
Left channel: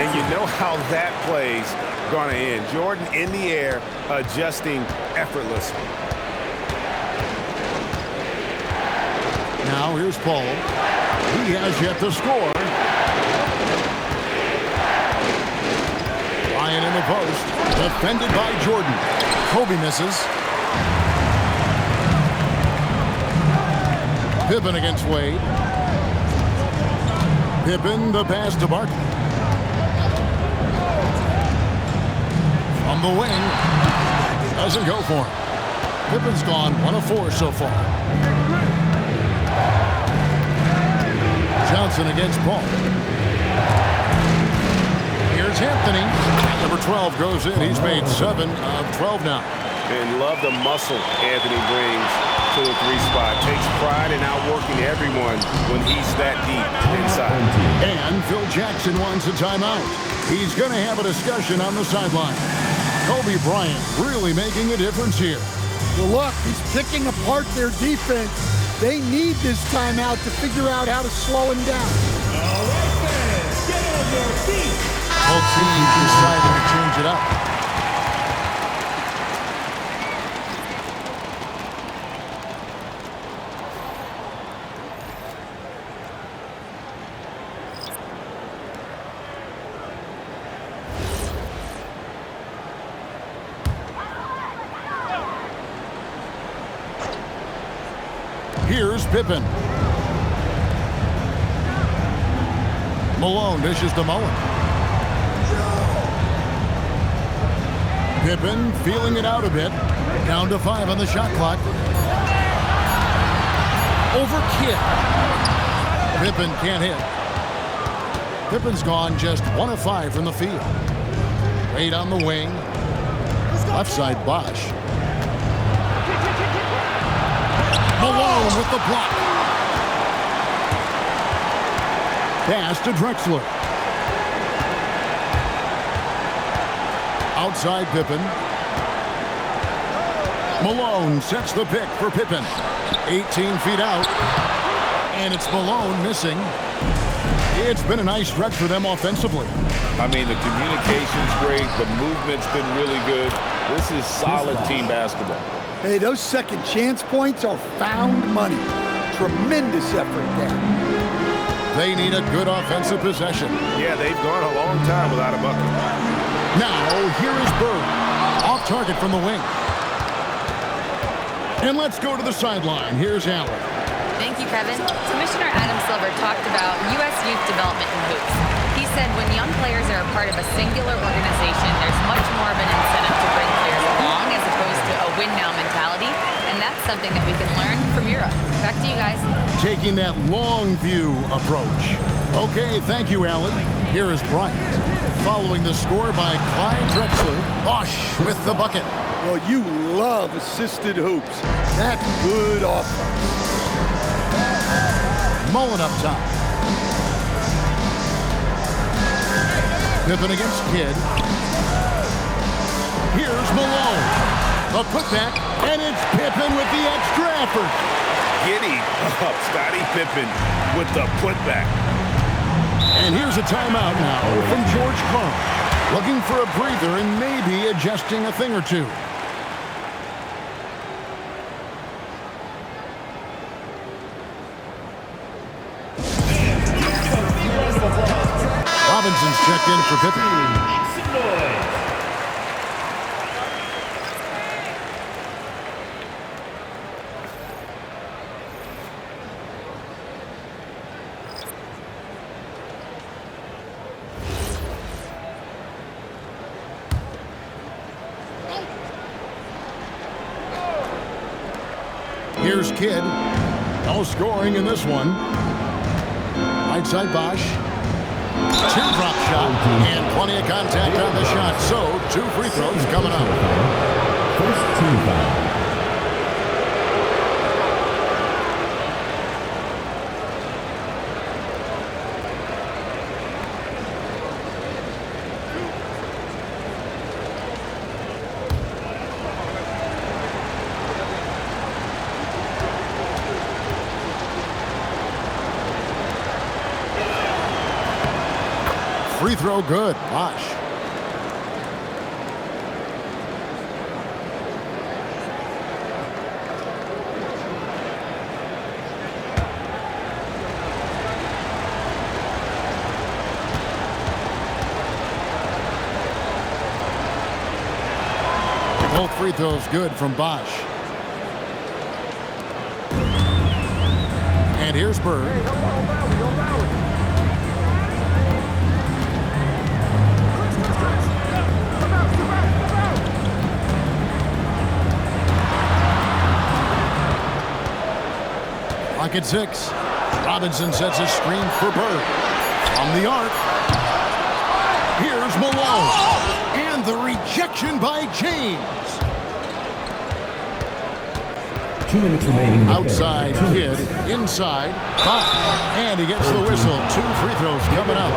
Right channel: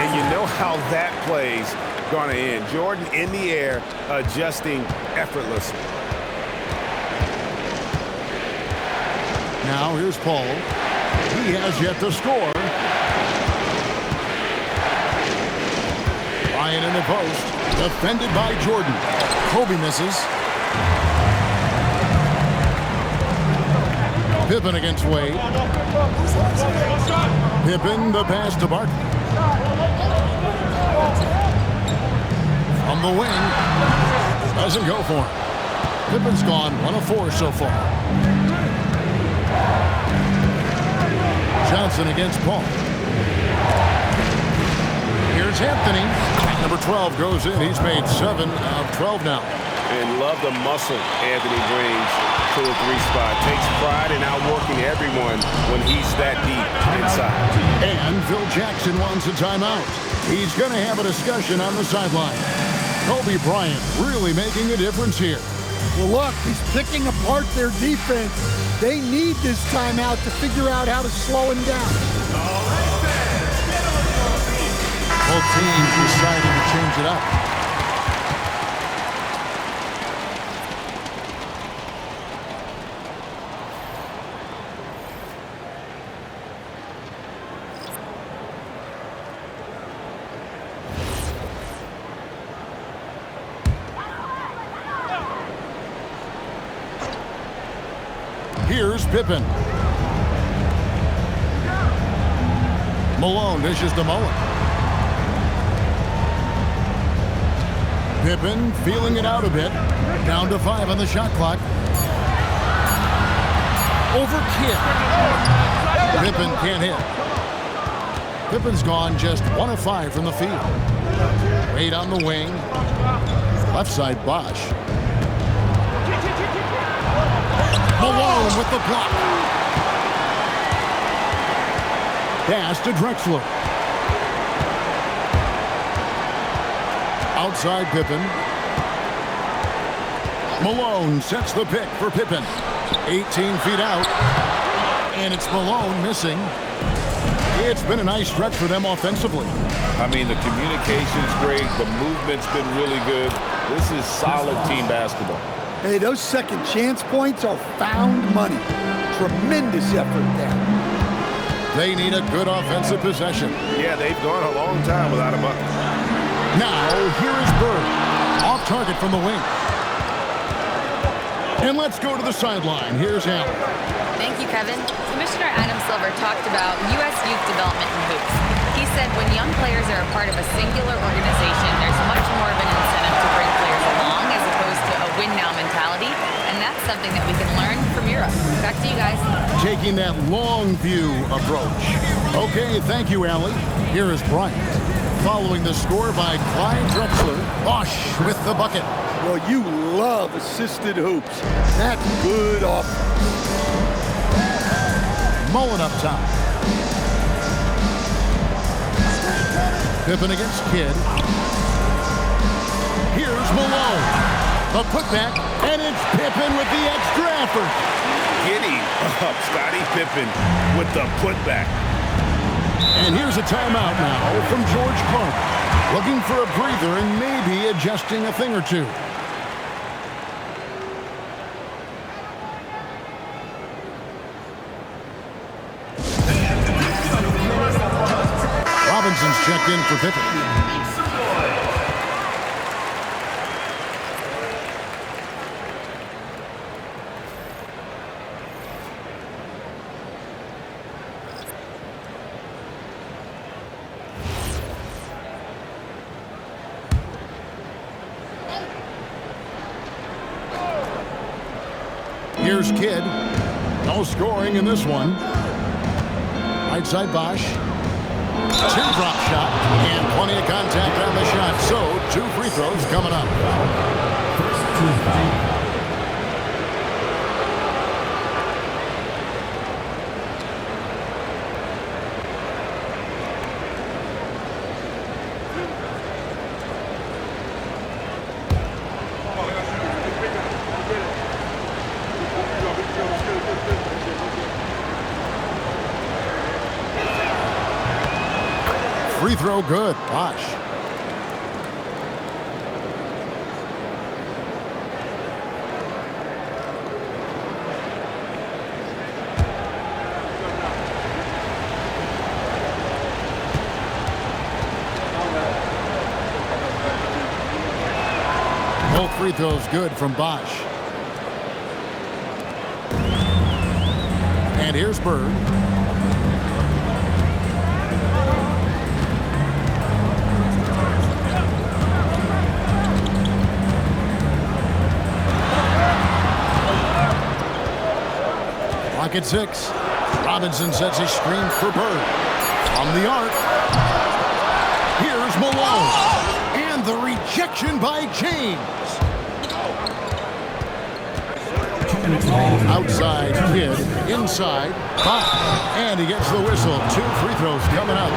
And you know how that play's gonna end. Jordan in the air, adjusting effortlessly. Now here's Paul. He has yet to score. Bryant in the post, defended by Jordan. Kobe misses. Pippen against Wade. Pippen, the pass to Barkley. From the wing, doesn't go for him. Pippen's gone 1 of 4 so far. Johnson against Paul. Here's Anthony. Number 12 goes in. He's made 7 of 12 now. And love the muscle Anthony brings to the 3 spot. Takes pride in outworking everyone when he's that deep inside. And Phil Jackson wants a timeout. He's going to have a discussion on the sideline. Kobe Bryant really making a difference here. Well, look, he's picking apart their defense. They need this timeout to figure out how to slow him down. All right, fans, get on your feet. Both teams deciding to change it up. Here's Pippen. Malone dishes to Mullen. Pippen feeling it out a bit. Down to 5 on the shot clock. Over Kidd. Pippen can't hit. Pippen's gone just 1 of 5 from the field. Wade on the wing. Left side Bosch. Malone with the block. Pass to Drexler. Outside Pippen. Malone sets the pick for Pippen. 18 feet out. And it's Malone missing. It's been a nice stretch for them offensively. I mean, the communication's great. The movement's been really good. This is solid team basketball. Hey, those second chance points are found money. Tremendous effort there. They need a good offensive possession. Yeah, they've gone a long time without a bucket. Now, here is Bird. Off target from the wing. And let's go to the sideline. Here's Allen. Thank you, Kevin. Commissioner Adam Silver talked about U.S. youth development in hoops. He said when young players are a part of a singular organization, there's much more of an incentive to bring players along as opposed to a win-now mentality, and that's something that we can learn from Europe. Back to you guys. Taking that long view approach. Okay, thank you, Allie. Here is Bryant. Following the score by Clyde Drexler. Bosch with the bucket. Well, you love assisted hoops. That's good offense. Mullen up top. Pippen against Kidd. Here's Malone. The putback, and it's Pippen with the extra effort. Giddy up, Scottie Pippen with the putback. And here's a timeout now from George Karl. Looking for a breather and maybe adjusting a thing or two. Robinson's checked in for Pippen. Here's Kidd. No scoring in this one. Right side Bosch. Teardrop shot and plenty of contact on the shot. So 2 free throws coming up. First team foul. Free throw good. Bosch. Both free throws good from Bosch. And here's Bird. Clock at 6. Robinson sets a screen for Bird. From the arc. Here's Malone. And the rejection by James. 2 minutes remaining. Outside Kidd. Inside. Bosch. And he gets the whistle. 2 free throws coming up.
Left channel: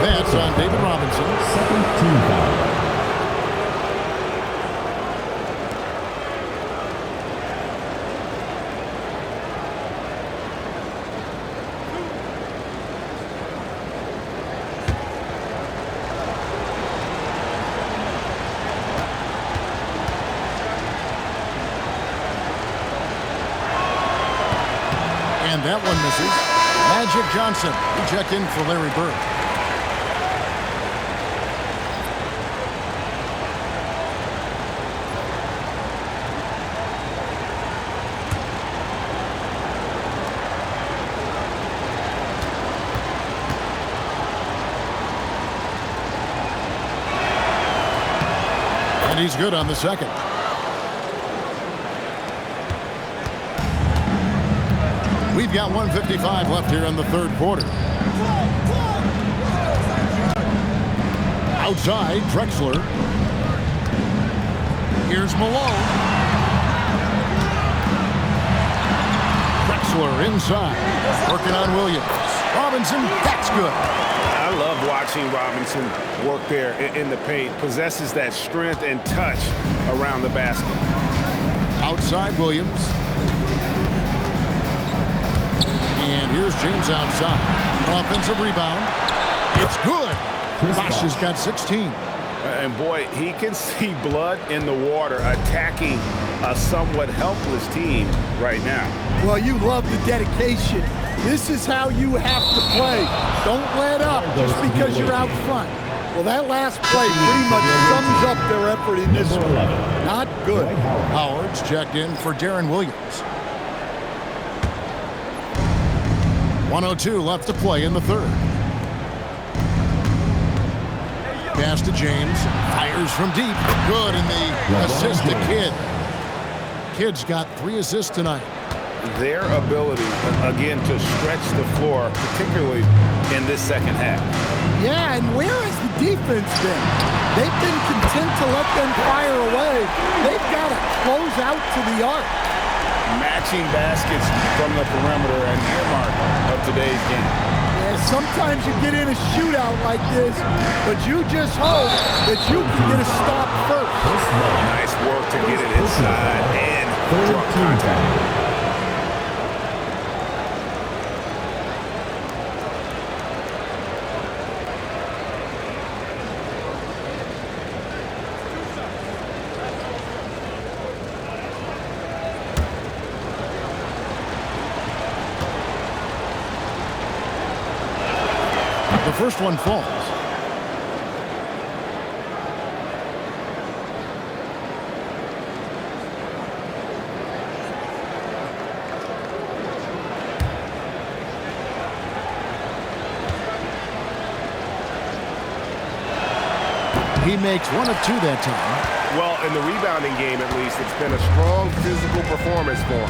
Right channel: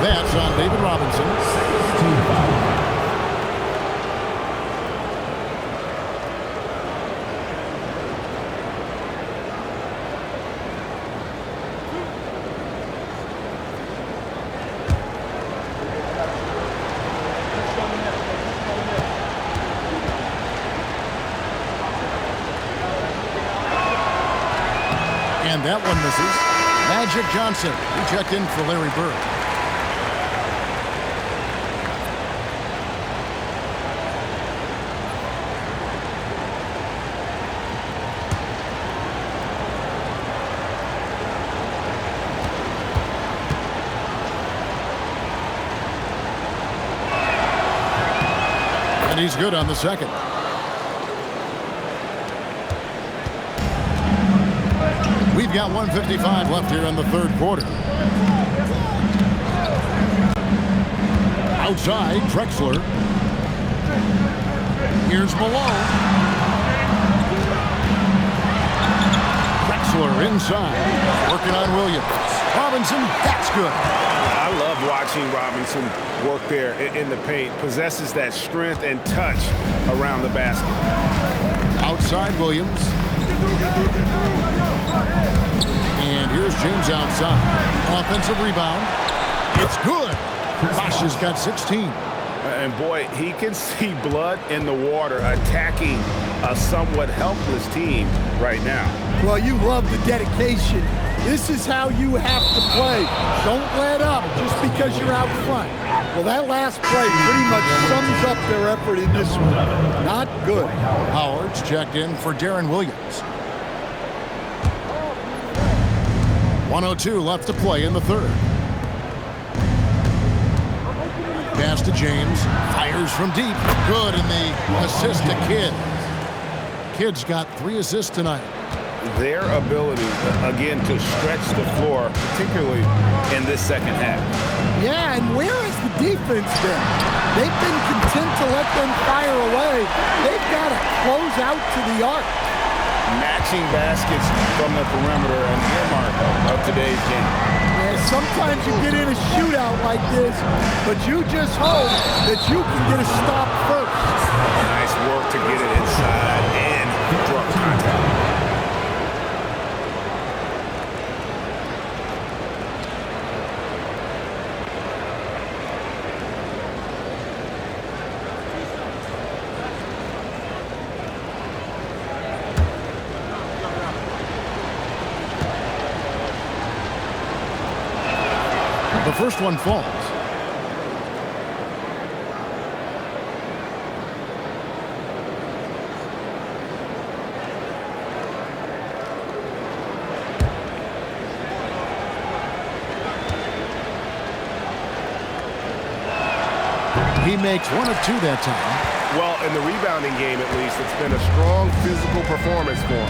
That's on David Robinson. Second team foul. And that one misses. Magic Johnson. He checked in for Larry Bird. And he's good on the second. We've got 1:55 left here in the third quarter. Outside, Drexler. Here's Malone. Drexler inside. Working on Williams. Robinson, that's good. I love watching Robinson work there in the paint. Possesses that strength and touch around the basket. Outside, Williams. And here's James outside. Offensive rebound. It's good. Bosch has got 16. And boy, he can see blood in the water attacking a somewhat helpless team right now. Well, you love the dedication This is how you have to play. Don't let up just because you're out front. Well, that last play pretty much sums up their effort in this one. Not good. Howard's checked in for Darren Williams. 1:02 left to play in the third. Pass to James. Fires from deep. Good, and the assist to Kidd. Kidd's got 3 assists tonight. Their ability, again, to stretch the floor, particularly in this second half. Yeah, and where has the defense been? They've been content to let them fire away. They've got to close out to the arc. Matching baskets from the perimeter, an earmark of today's game. Yeah, sometimes you get in a shootout like this, but you just hope that you can get a stop first. Nice work to get it inside and draw contact. The first one falls. He makes 1 of 2 that time. Well, in the rebounding game, at least, it's been a strong physical performance for him.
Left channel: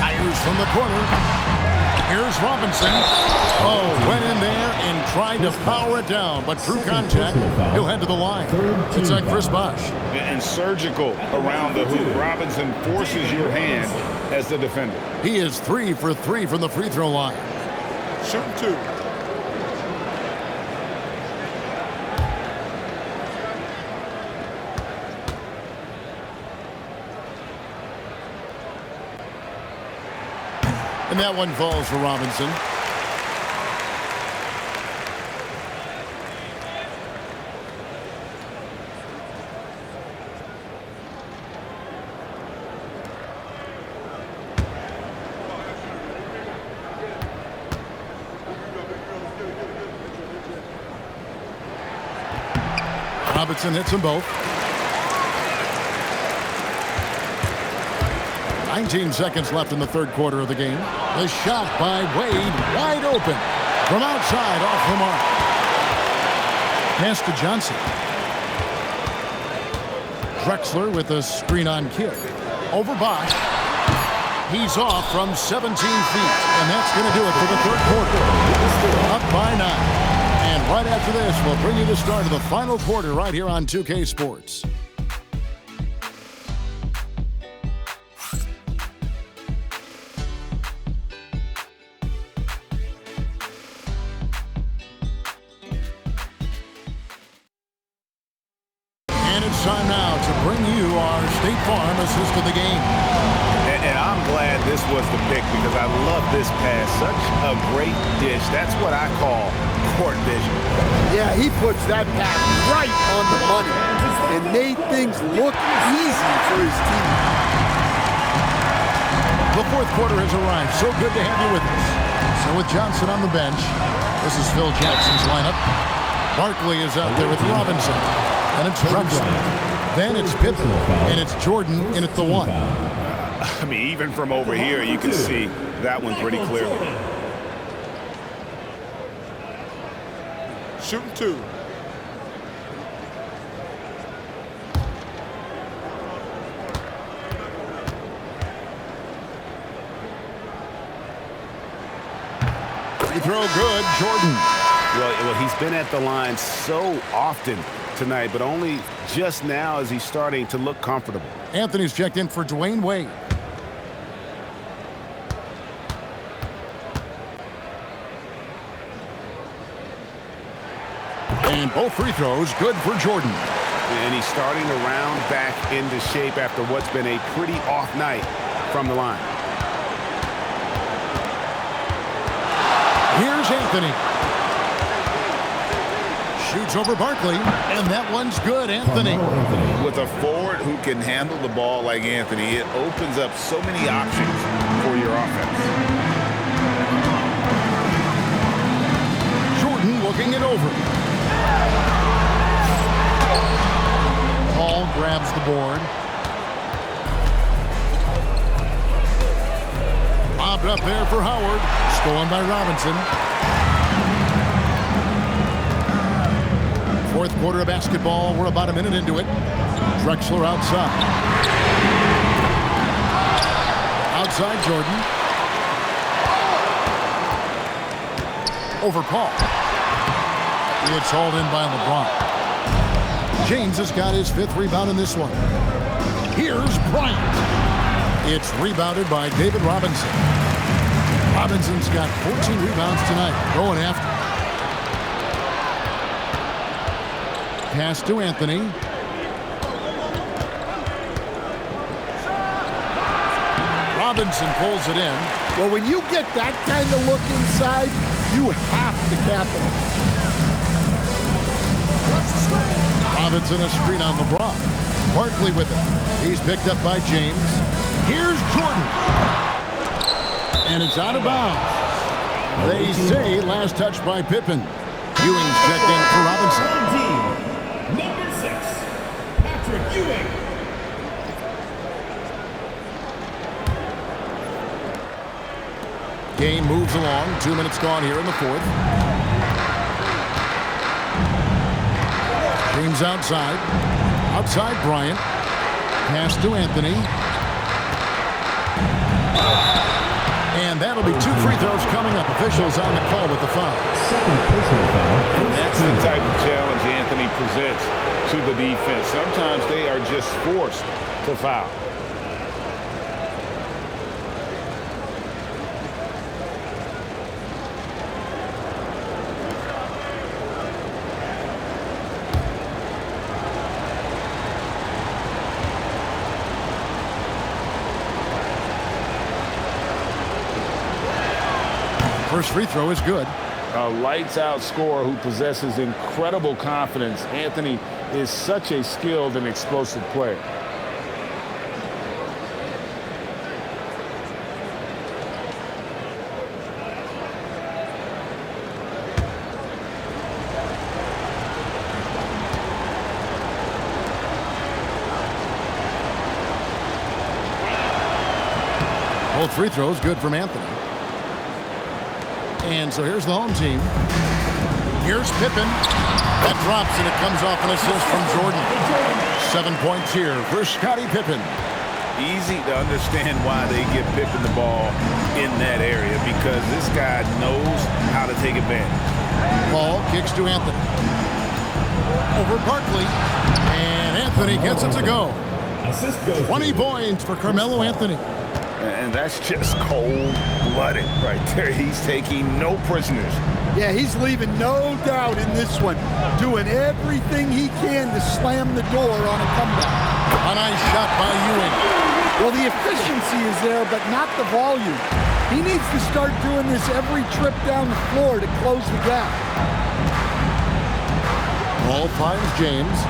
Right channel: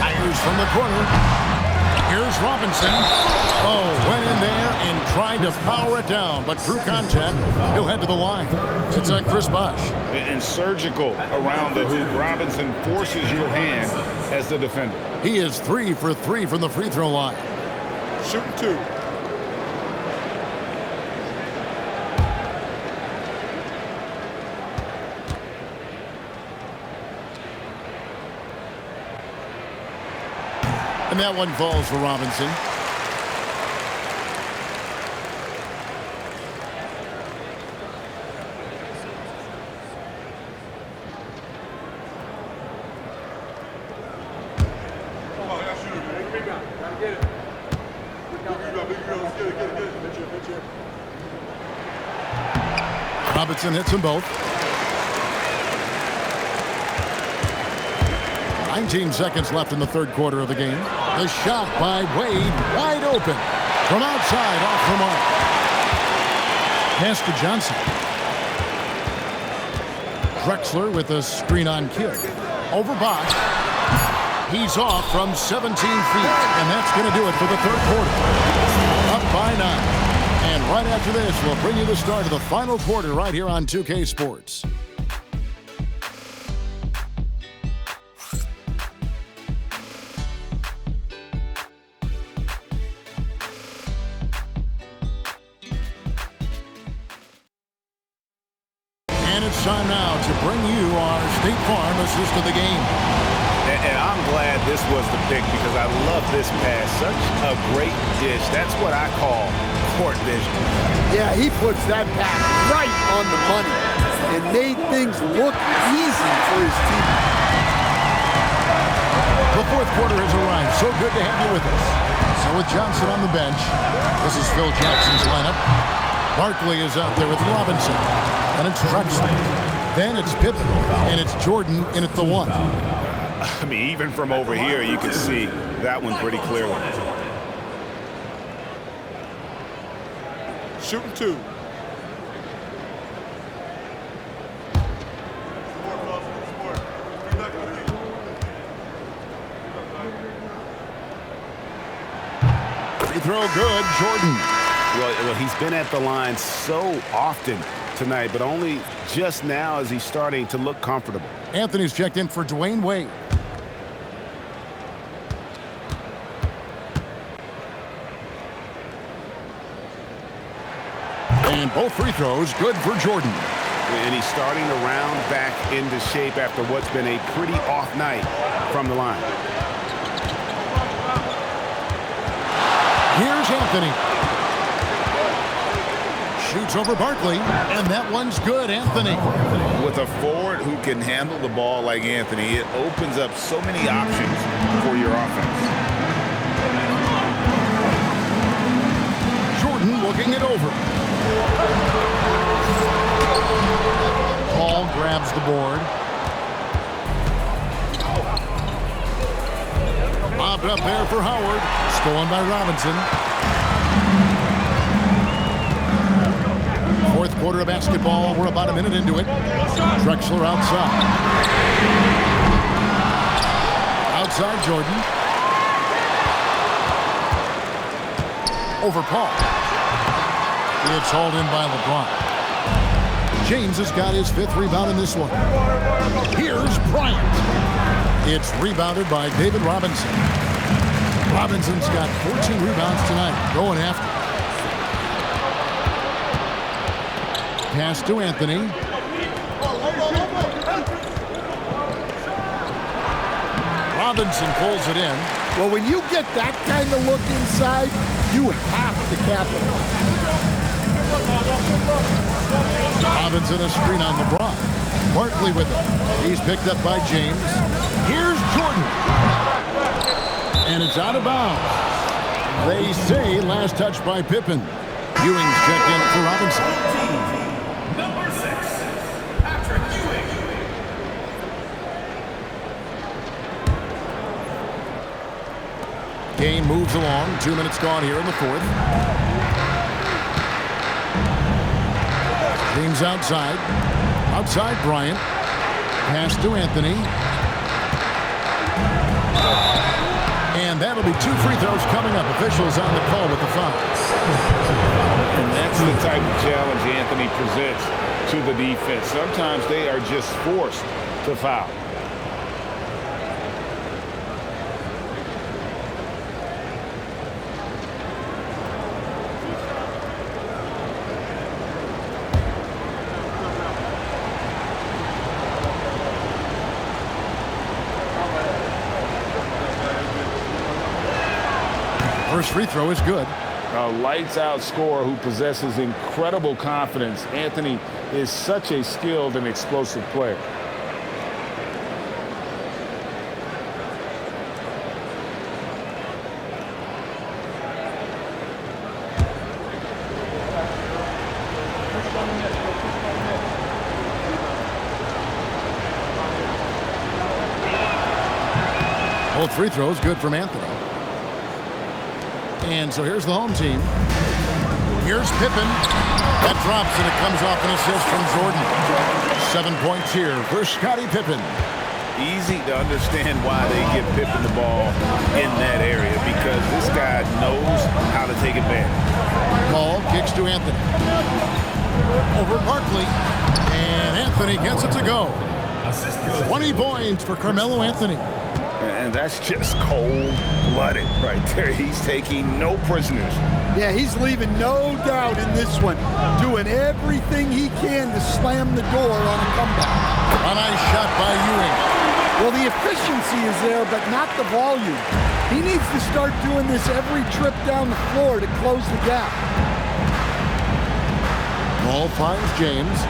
Fires from the corner. Here's Robinson. Oh, went in there and tried to power it down, but through contact, he'll head to the line. It's on Chris Bosh. And surgical around the hoop. Robinson forces your hand as the defender. He is 3 for 3 from the free throw line. Shooting 2. And that one falls for Robinson. Robinson hits them both. 19 seconds left in the third quarter of the game. The shot by Wade, wide open. From outside, off the mark. Pass to Johnson. Drexler with a screen on Kidd. Over Bosh. He's off from 17 feet, and that's going to do it for the third quarter. Up by 9. And right after this, we'll bring you the start of the final quarter right here on 2K Sports. And it's time now to bring you our State Farm assist of the game. And I'm glad this was the pick because I love this pass. Such a great dish. That's what I call court vision. Yeah, he puts that pass right on the money and made things look easy for his team. The fourth quarter has arrived. So good to have you with us. So with Johnson on the bench, this is Phil Jackson's lineup. Barkley is out there with Robinson. Then it's Drexler. Then it's Pippen. And it's Jordan in at the 1. I mean, even from over here, you can see that one pretty clearly. Shooting 2. Free throw good, Jordan. Well, he's been at the line so often tonight, but only just now is he starting to look comfortable. Anthony's checked in for Dwayne Wade. And both free throws good for Jordan. And he's starting to round back into shape after what's been a pretty off night from the line. Here's Anthony. Shoots over Barkley, and that one's good, Anthony. With a forward who can handle the ball like Anthony, it opens up so many options for your offense. looking it over. Paul grabs the board. Lobbed up there for Howard. Stolen by Robinson. Fourth quarter of basketball. We're about a minute into it. Drexler outside. Outside Jordan. Over Paul. It's hauled in by LeBron. James has got his 5th rebound in this one. Here's Bryant. It's rebounded by David Robinson. Robinson's got 14 rebounds tonight. Going after. Pass to Anthony. Robinson pulls it in. Well, when you get that kind of look inside, you have to capitalize. Robinson a screen on LeBron. Barkley with it. He's picked up by James. Here's Jordan. And it's out of bounds. They say last touch by Pippen. Ewing's checked in for Robinson. Number 6, Patrick Ewing. Game moves along. 2 minutes gone here in the fourth. James outside. Outside Bryant. Pass to Anthony. And that'll be 2 free throws coming up. Officials on the call with the foul. And that's the type of challenge Anthony presents to the defense. Sometimes they are just forced to foul. First free throw is good. A lights-out scorer who possesses incredible confidence. Anthony is such a skilled and explosive player. Both free throws good from Anthony. And so here's the home team. Here's Pippen. That drops and it comes off an assist from Jordan. 7 points here for Scottie Pippen. Easy to understand why they give Pippen the ball in that area, because this guy knows how to take advantage. Ball kicks to Anthony. Over Barkley. And Anthony gets it to go. 20 points for Carmelo Anthony. And that's just cold-blooded right there. He's taking no prisoners. Yeah, he's leaving no doubt in this one. Doing everything he can to slam the door on a comeback. A nice shot by Ewing. Well, the efficiency is there, but not the volume. He needs to start doing this every trip down the floor to close the gap. Ball finds James.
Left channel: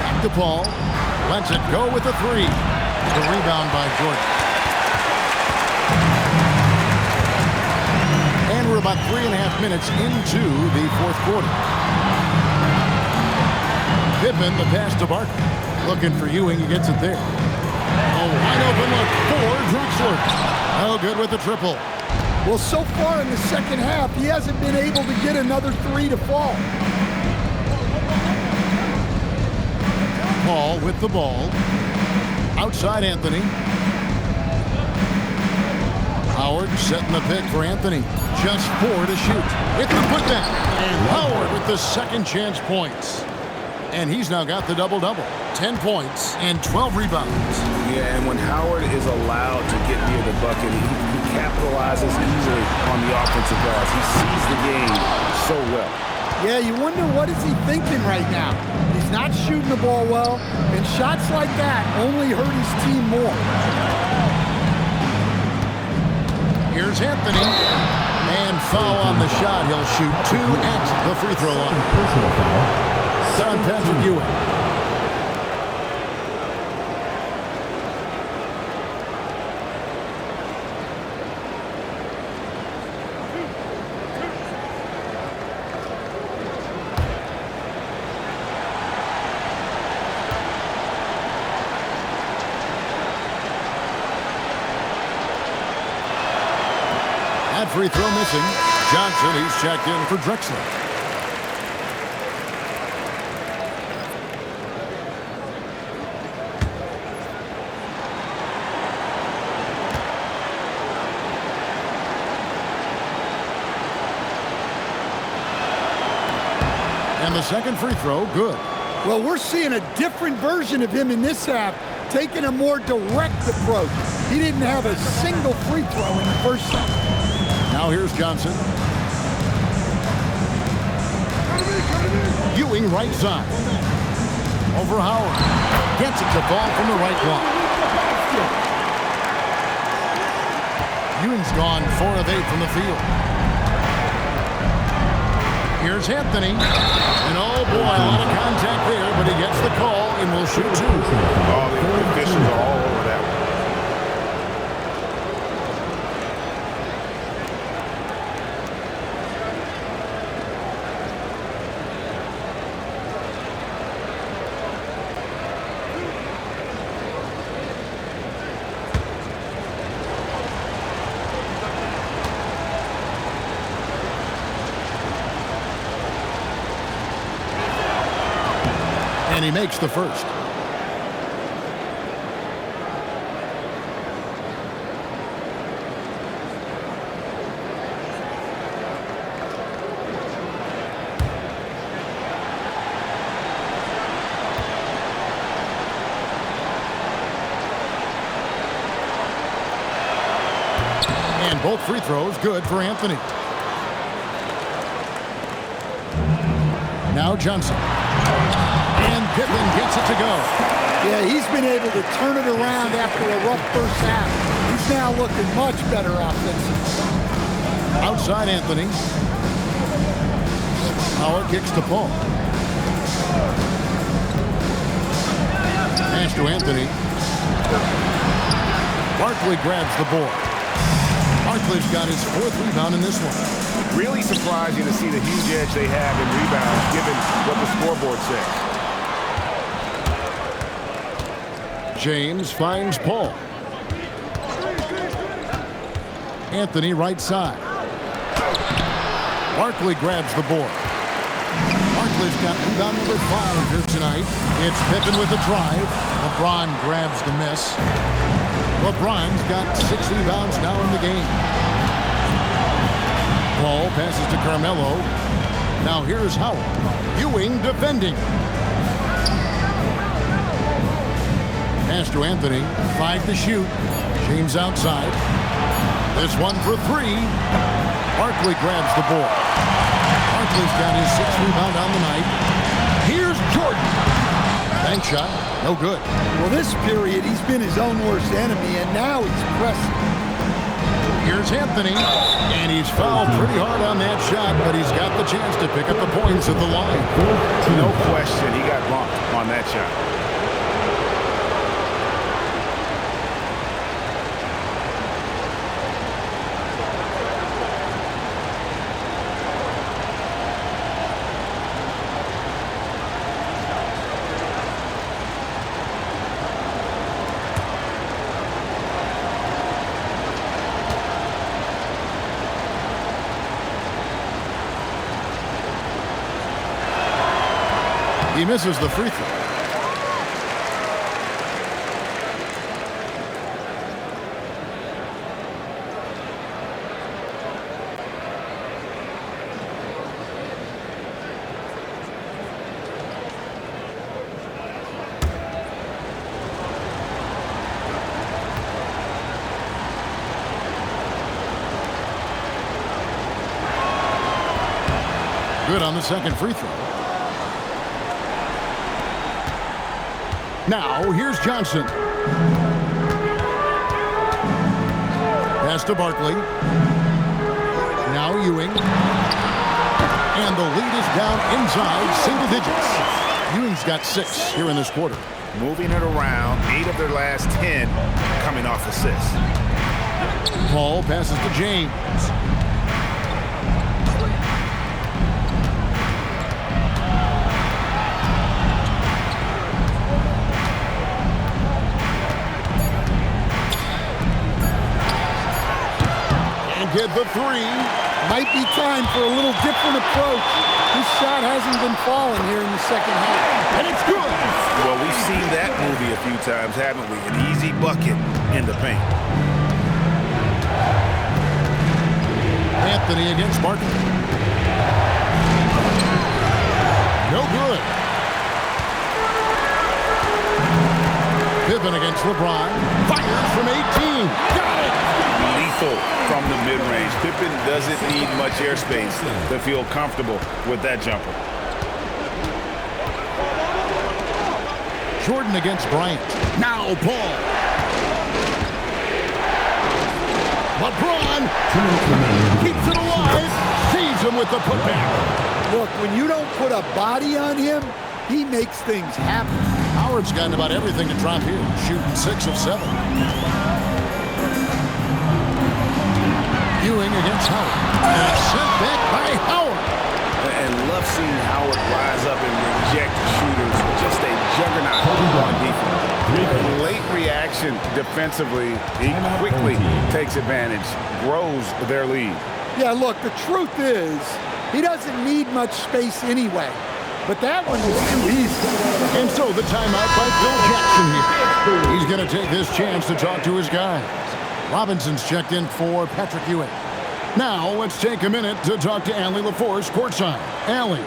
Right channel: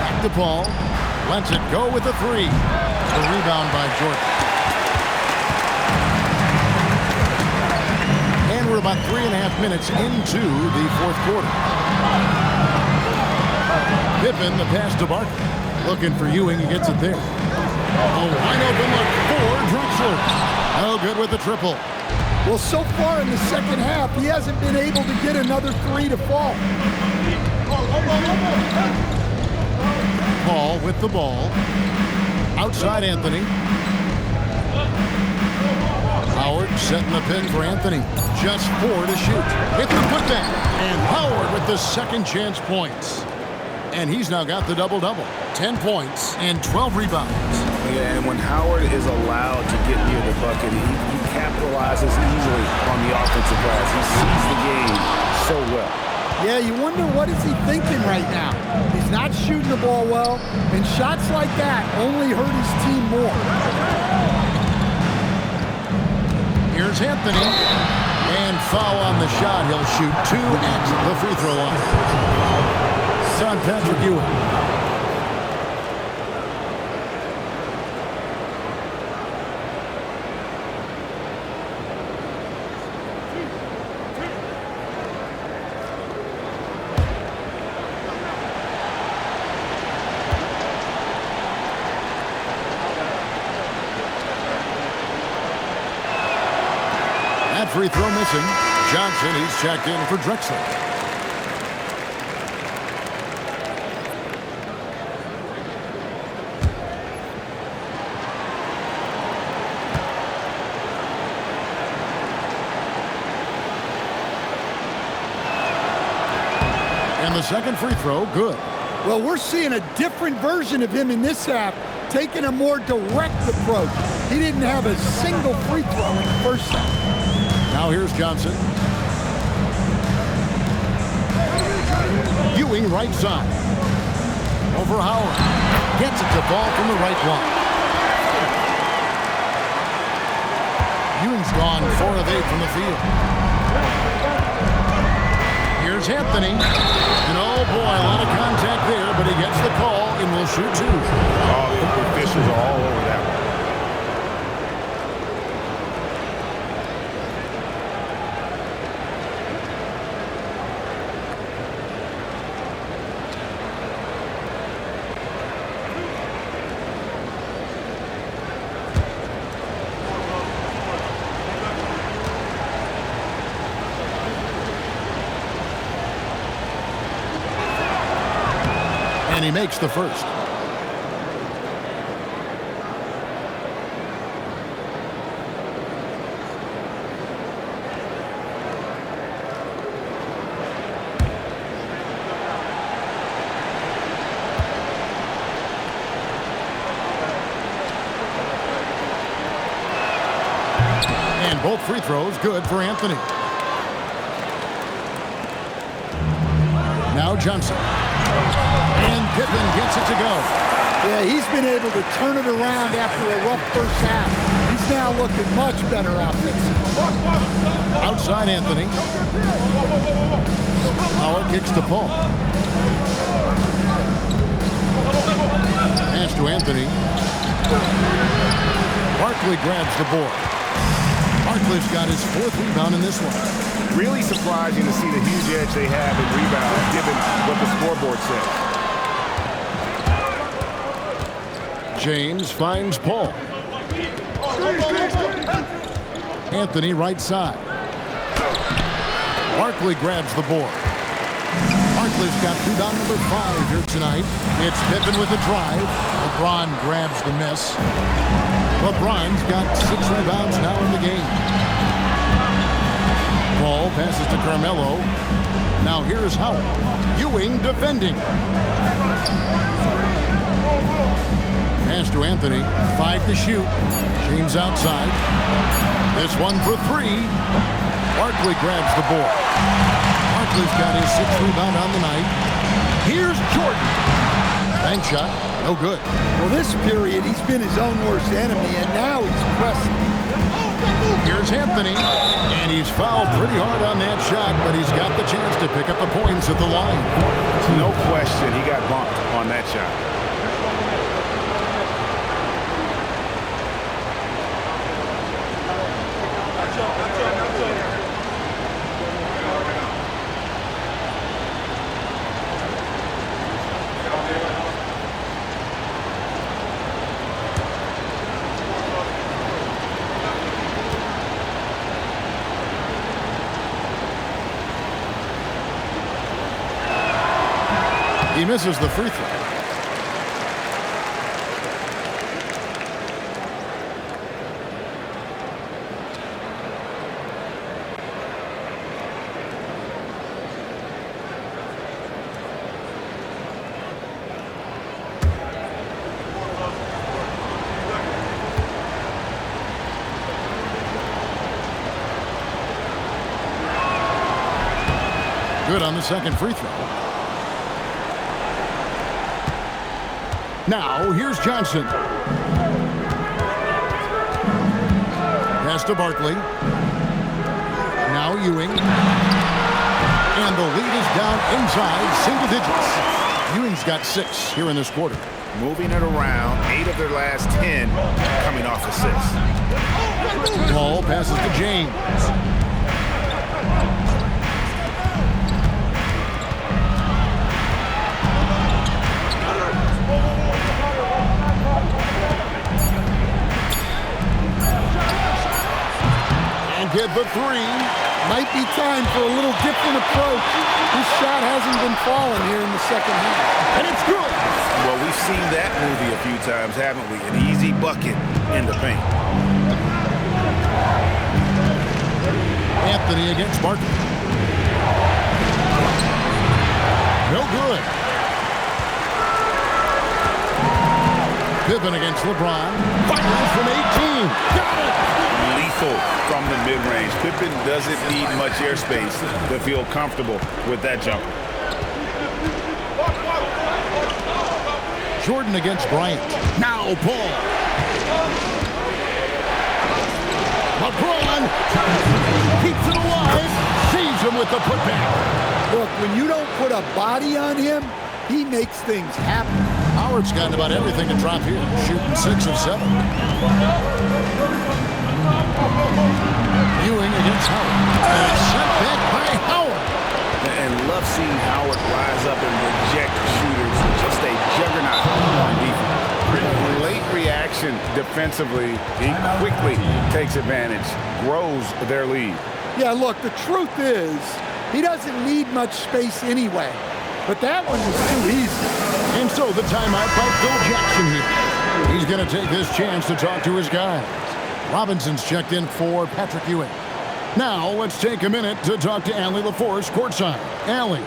Back to Paul. Lets it go with a 3. The rebound by Jordan. And we're about 3.5 minutes into the fourth quarter. Pippen, the pass to Barkley. Looking for Ewing, he gets it there. A wide open look for Drexler. No good with the triple. Well, so far in the second half, he hasn't been able to get another 3 to fall. Paul with the ball. Outside Anthony. Howard setting the pick for Anthony. Just 4 to shoot. With the putback. And Howard with the second chance points. And he's now got the double-double. 10 points and 12 rebounds. Yeah, and when Howard is allowed to get near the bucket, he capitalizes easily on the offensive glass. He sees the game so well. Yeah, you wonder what is he thinking right now. He's not shooting the ball well, and shots like that only hurt his team more. Here's Anthony. And foul on the shot. He'll shoot 2 at the free throw line. It's on Patrick Ewing. That free throw missing. Johnson, he's checked in for Drexler. And the second free throw, good. Well, we're seeing a different version of him in this half, taking a more direct approach. He didn't have a single free throw in the first half. Now here's Johnson. Ewing right side. Over Howard. Gets it to fall from the right block. Ewing's gone 4 of 8 from the field. Here's Anthony. And oh boy, a lot of contact there, but he gets the call and will shoot 2. All the officials are all over that one. And he makes the first. And both free throws good for Anthony. Now Johnson. And Pippen gets it to go. Yeah, he's been able to turn it around after a rough first half. He's now looking much better offensively. Outside Anthony. Howard kicks to Paul. Pass to Anthony. Barkley grabs the board. Barkley's got his 4th rebound in this one. Really surprising to see the huge edge they have in rebounds given what the scoreboard says. James finds Paul. Anthony right side. Barkley grabs the board. Barkley's got rebound number 5 here tonight. It's Pippen with a drive. LeBron grabs the miss. LeBron's got 6 rebounds now in the game. Paul passes to Carmelo. Now here's Howard. Ewing defending. Pass to Anthony. 5 to shoot. James outside. This one for 3. Barkley grabs the board. Barkley's got his 6th rebound on the night. Here's Jordan. Bank shot. No good. Well, this period, he's been his own worst enemy, and now he's pressing. Here's Anthony. And he's fouled pretty hard on that shot, but he's got the chance to pick up the points at the line. No question, he got bumped on that shot. He misses the free throw. Good on the second free throw. Now, here's Johnson. Pass to Barkley. Now Ewing. And the lead is down inside single digits. Ewing's got 6 here in this quarter. Moving it around, 8 of their last 10 coming off assists. Paul passes to James. get the three. Might be time for a little different approach. His shot hasn't been falling here in the second half. And it's good. Well, we've seen that movie a few times, haven't we? An easy bucket in the paint. Anthony against Barkley. No good. Pippen against LeBron. Fires from 18. Got it. Lethal from the mid-range. Pippen doesn't need much airspace to feel comfortable with that jumper. Jordan against Bryant. Now Paul. LeBron keeps it alive. Saves him with the putback. Look, when you don't put a body on him, he makes things happen. Howard's gotten about everything to drop here, shooting 6 of 7. Ewing against Howard. And it's sent back by Howard. And love seeing Howard rise up and reject shooters. Just a juggernaut on defense. Late reaction defensively. He quickly takes advantage, grows their lead. Yeah, look, the truth is, he doesn't need much space anyway. But that one was too easy. And so the timeout by Bill Jackson here. He's going to take this chance to talk to his guys. Robinson's checked in for Patrick Ewing. Now let's take a minute to talk to Allie LaForce courtside. Allie.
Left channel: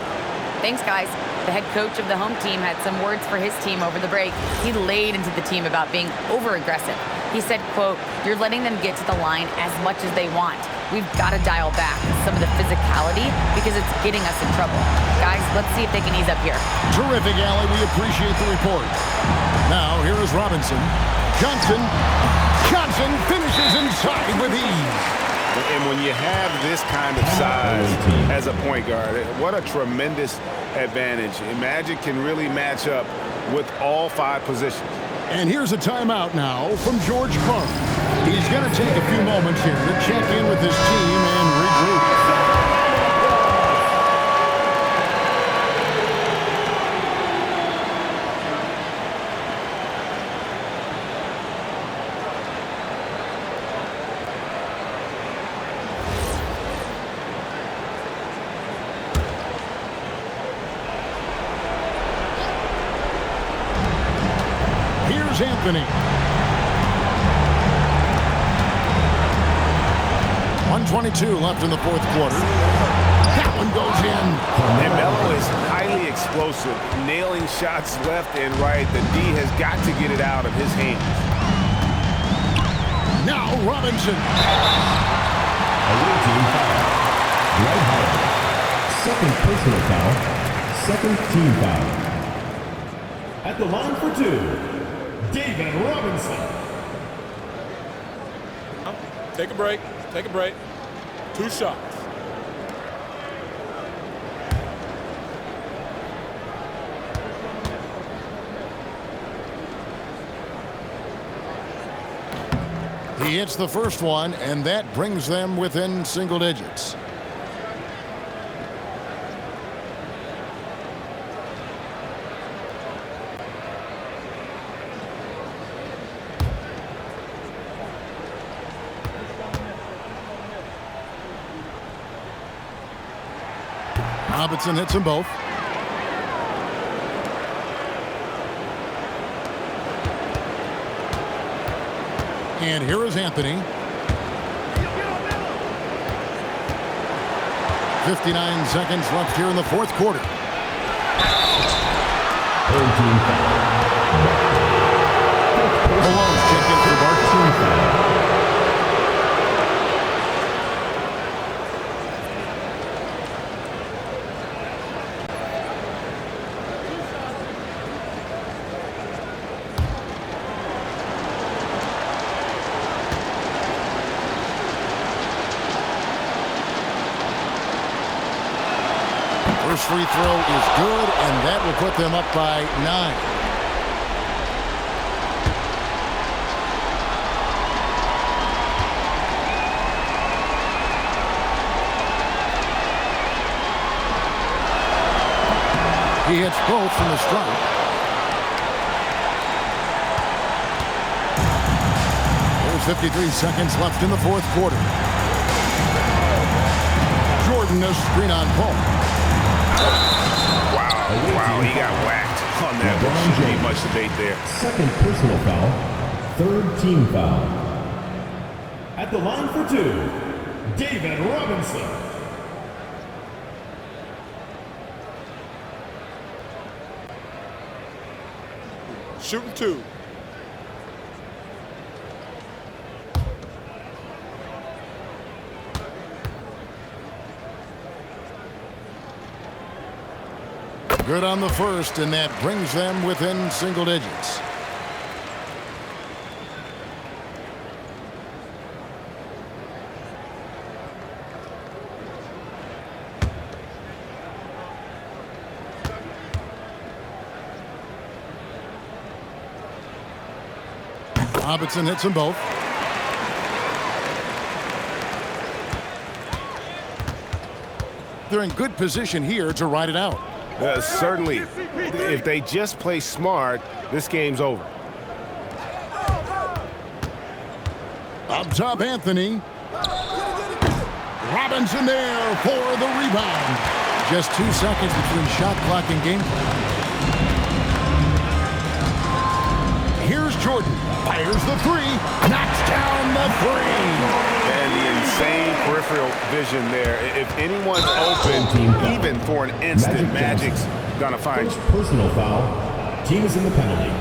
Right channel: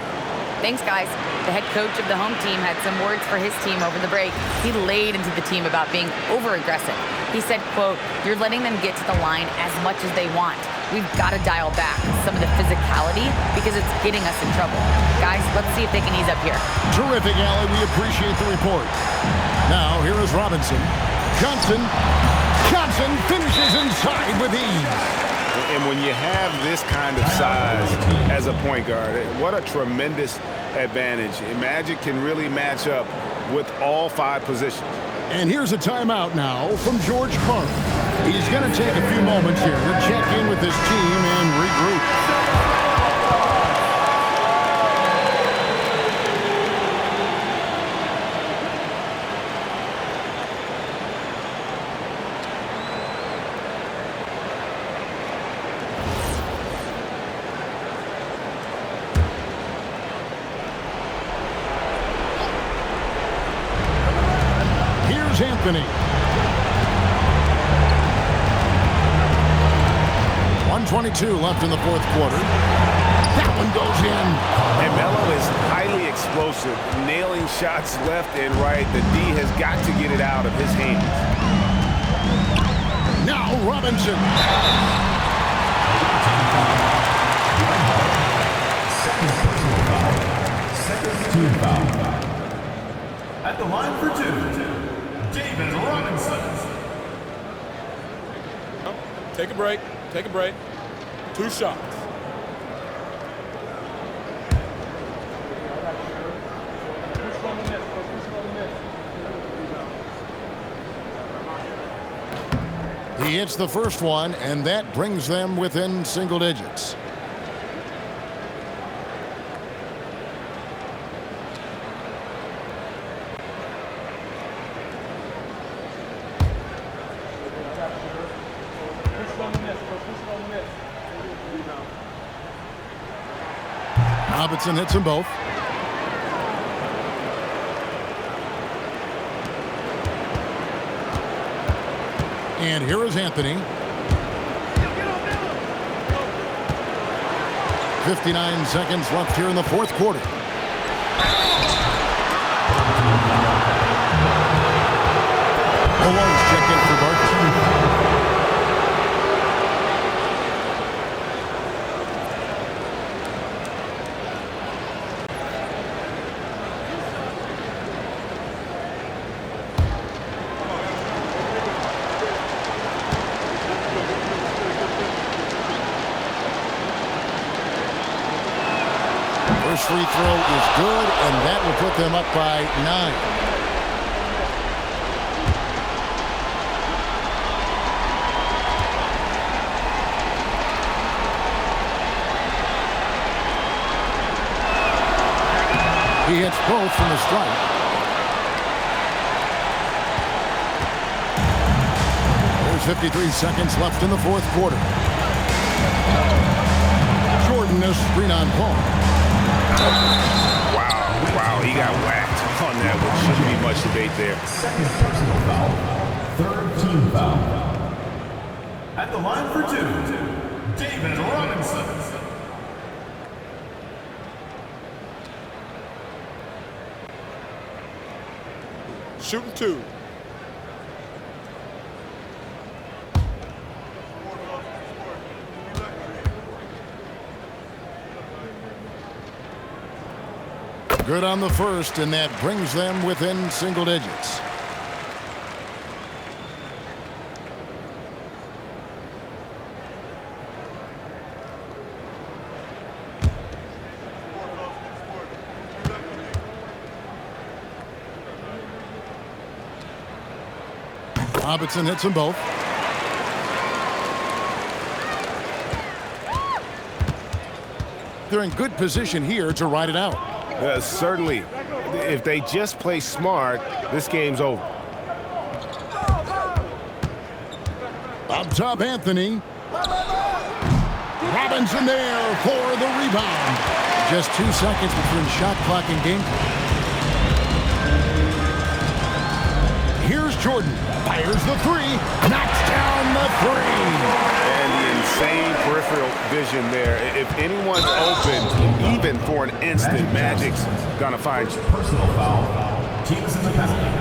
Thanks, guys. The head coach of the home team had some words for his team over the break. He laid into the team about being over-aggressive. He said, quote, "You're letting them get to the line as much as they want. We've got to dial back some of the physicality because it's getting us in trouble. Guys, let's see if they can ease up here." Terrific, Allie. We appreciate the report. Now, here is Robinson. Johnson finishes inside with ease. And when you have this kind of size as a point guard, what a tremendous advantage. Magic can really match up with all 5 positions. And here's a timeout now from George Karl. He's going to take a few moments here to check in with his team and regroup. Here's Anthony. 1:22 left in the fourth quarter. That one goes in. And Melo is highly explosive, nailing shots left and right. The D has got to get it out of his hands. Now Robinson. Away team foul. Dwight Howard. Second personal foul. Second team foul. At the line for 2, David Robinson. Take a break. Take a break. 2 shots. He hits the first one, and that brings them within single digits. Robinson hits them both. And here is Anthony. 59 seconds left here in the fourth quarter. Malone's checked in for Barkley. First free throw is good, and that will put them up by 9. He hits both from the stripe. There's 53 seconds left in the fourth quarter. Jordan a screen on Paul. Wow, he got whacked on that one. Shouldn't be much debate there. Second personal foul, third team foul. At the line for two, David Robinson. Shooting two. Good on the first, and that brings them within single digits. Robinson hits them both. They're in good position here to ride it out. Certainly, if they just play smart, this game's over. Up top, Anthony. Robinson there for the rebound. Just 2 seconds between shot clock and game clock. Here's Jordan. Fires the three. Knocks down the three. And the insane peripheral vision there. If anyone's open, even for an instant, Magic's gonna find you. Personal foul. Team is in the penalty.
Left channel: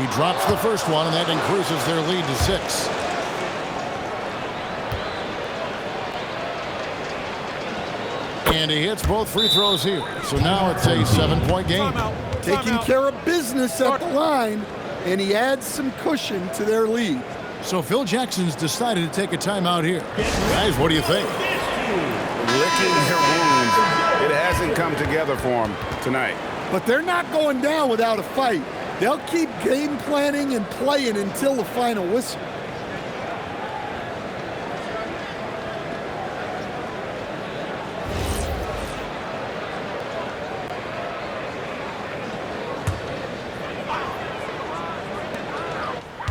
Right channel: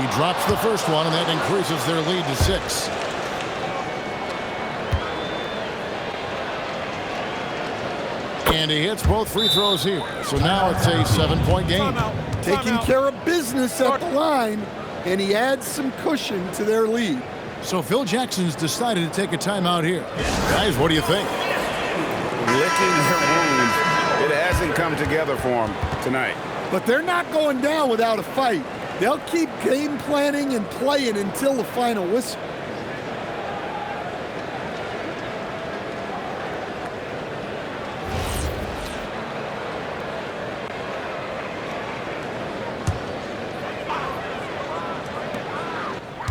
He drops the first one, and that increases their lead to 6. And he hits both free throws here. So now it's a 7-point game. Taking care of business at the line, and he adds some cushion to their lead. So Phil Jackson's decided to take a timeout here. Guys, what do you think? Licking their wounds. It hasn't come together for them tonight. But they're not going down without a fight. They'll keep game planning and playing until the final whistle.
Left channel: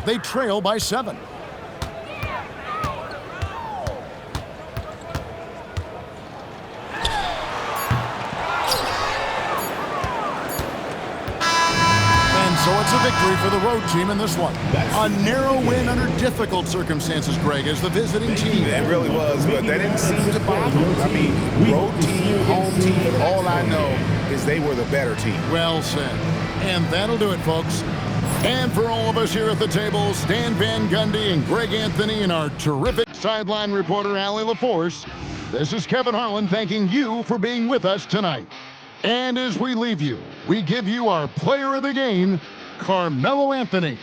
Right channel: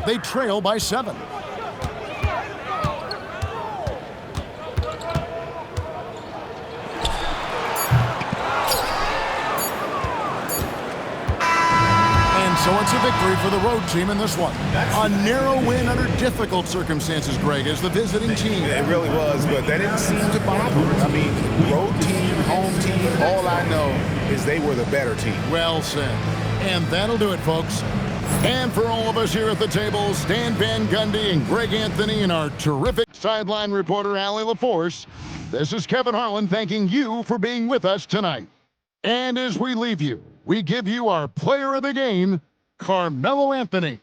They trail by 7. And so it's a victory for the road team in this one. A narrow win under difficult circumstances, Greg, as the visiting team. It really was, but that didn't seem to bother them. I mean, road team, home team, all I know is they were the better team. Well said. And that'll do it, folks. And for all of us here at the table, Stan Van Gundy and Greg Anthony and our terrific sideline reporter, Allie LaForce, this is Kevin Harlan thanking you for being with us tonight. And as we leave you, we give you our player of the game, Carmelo Anthony.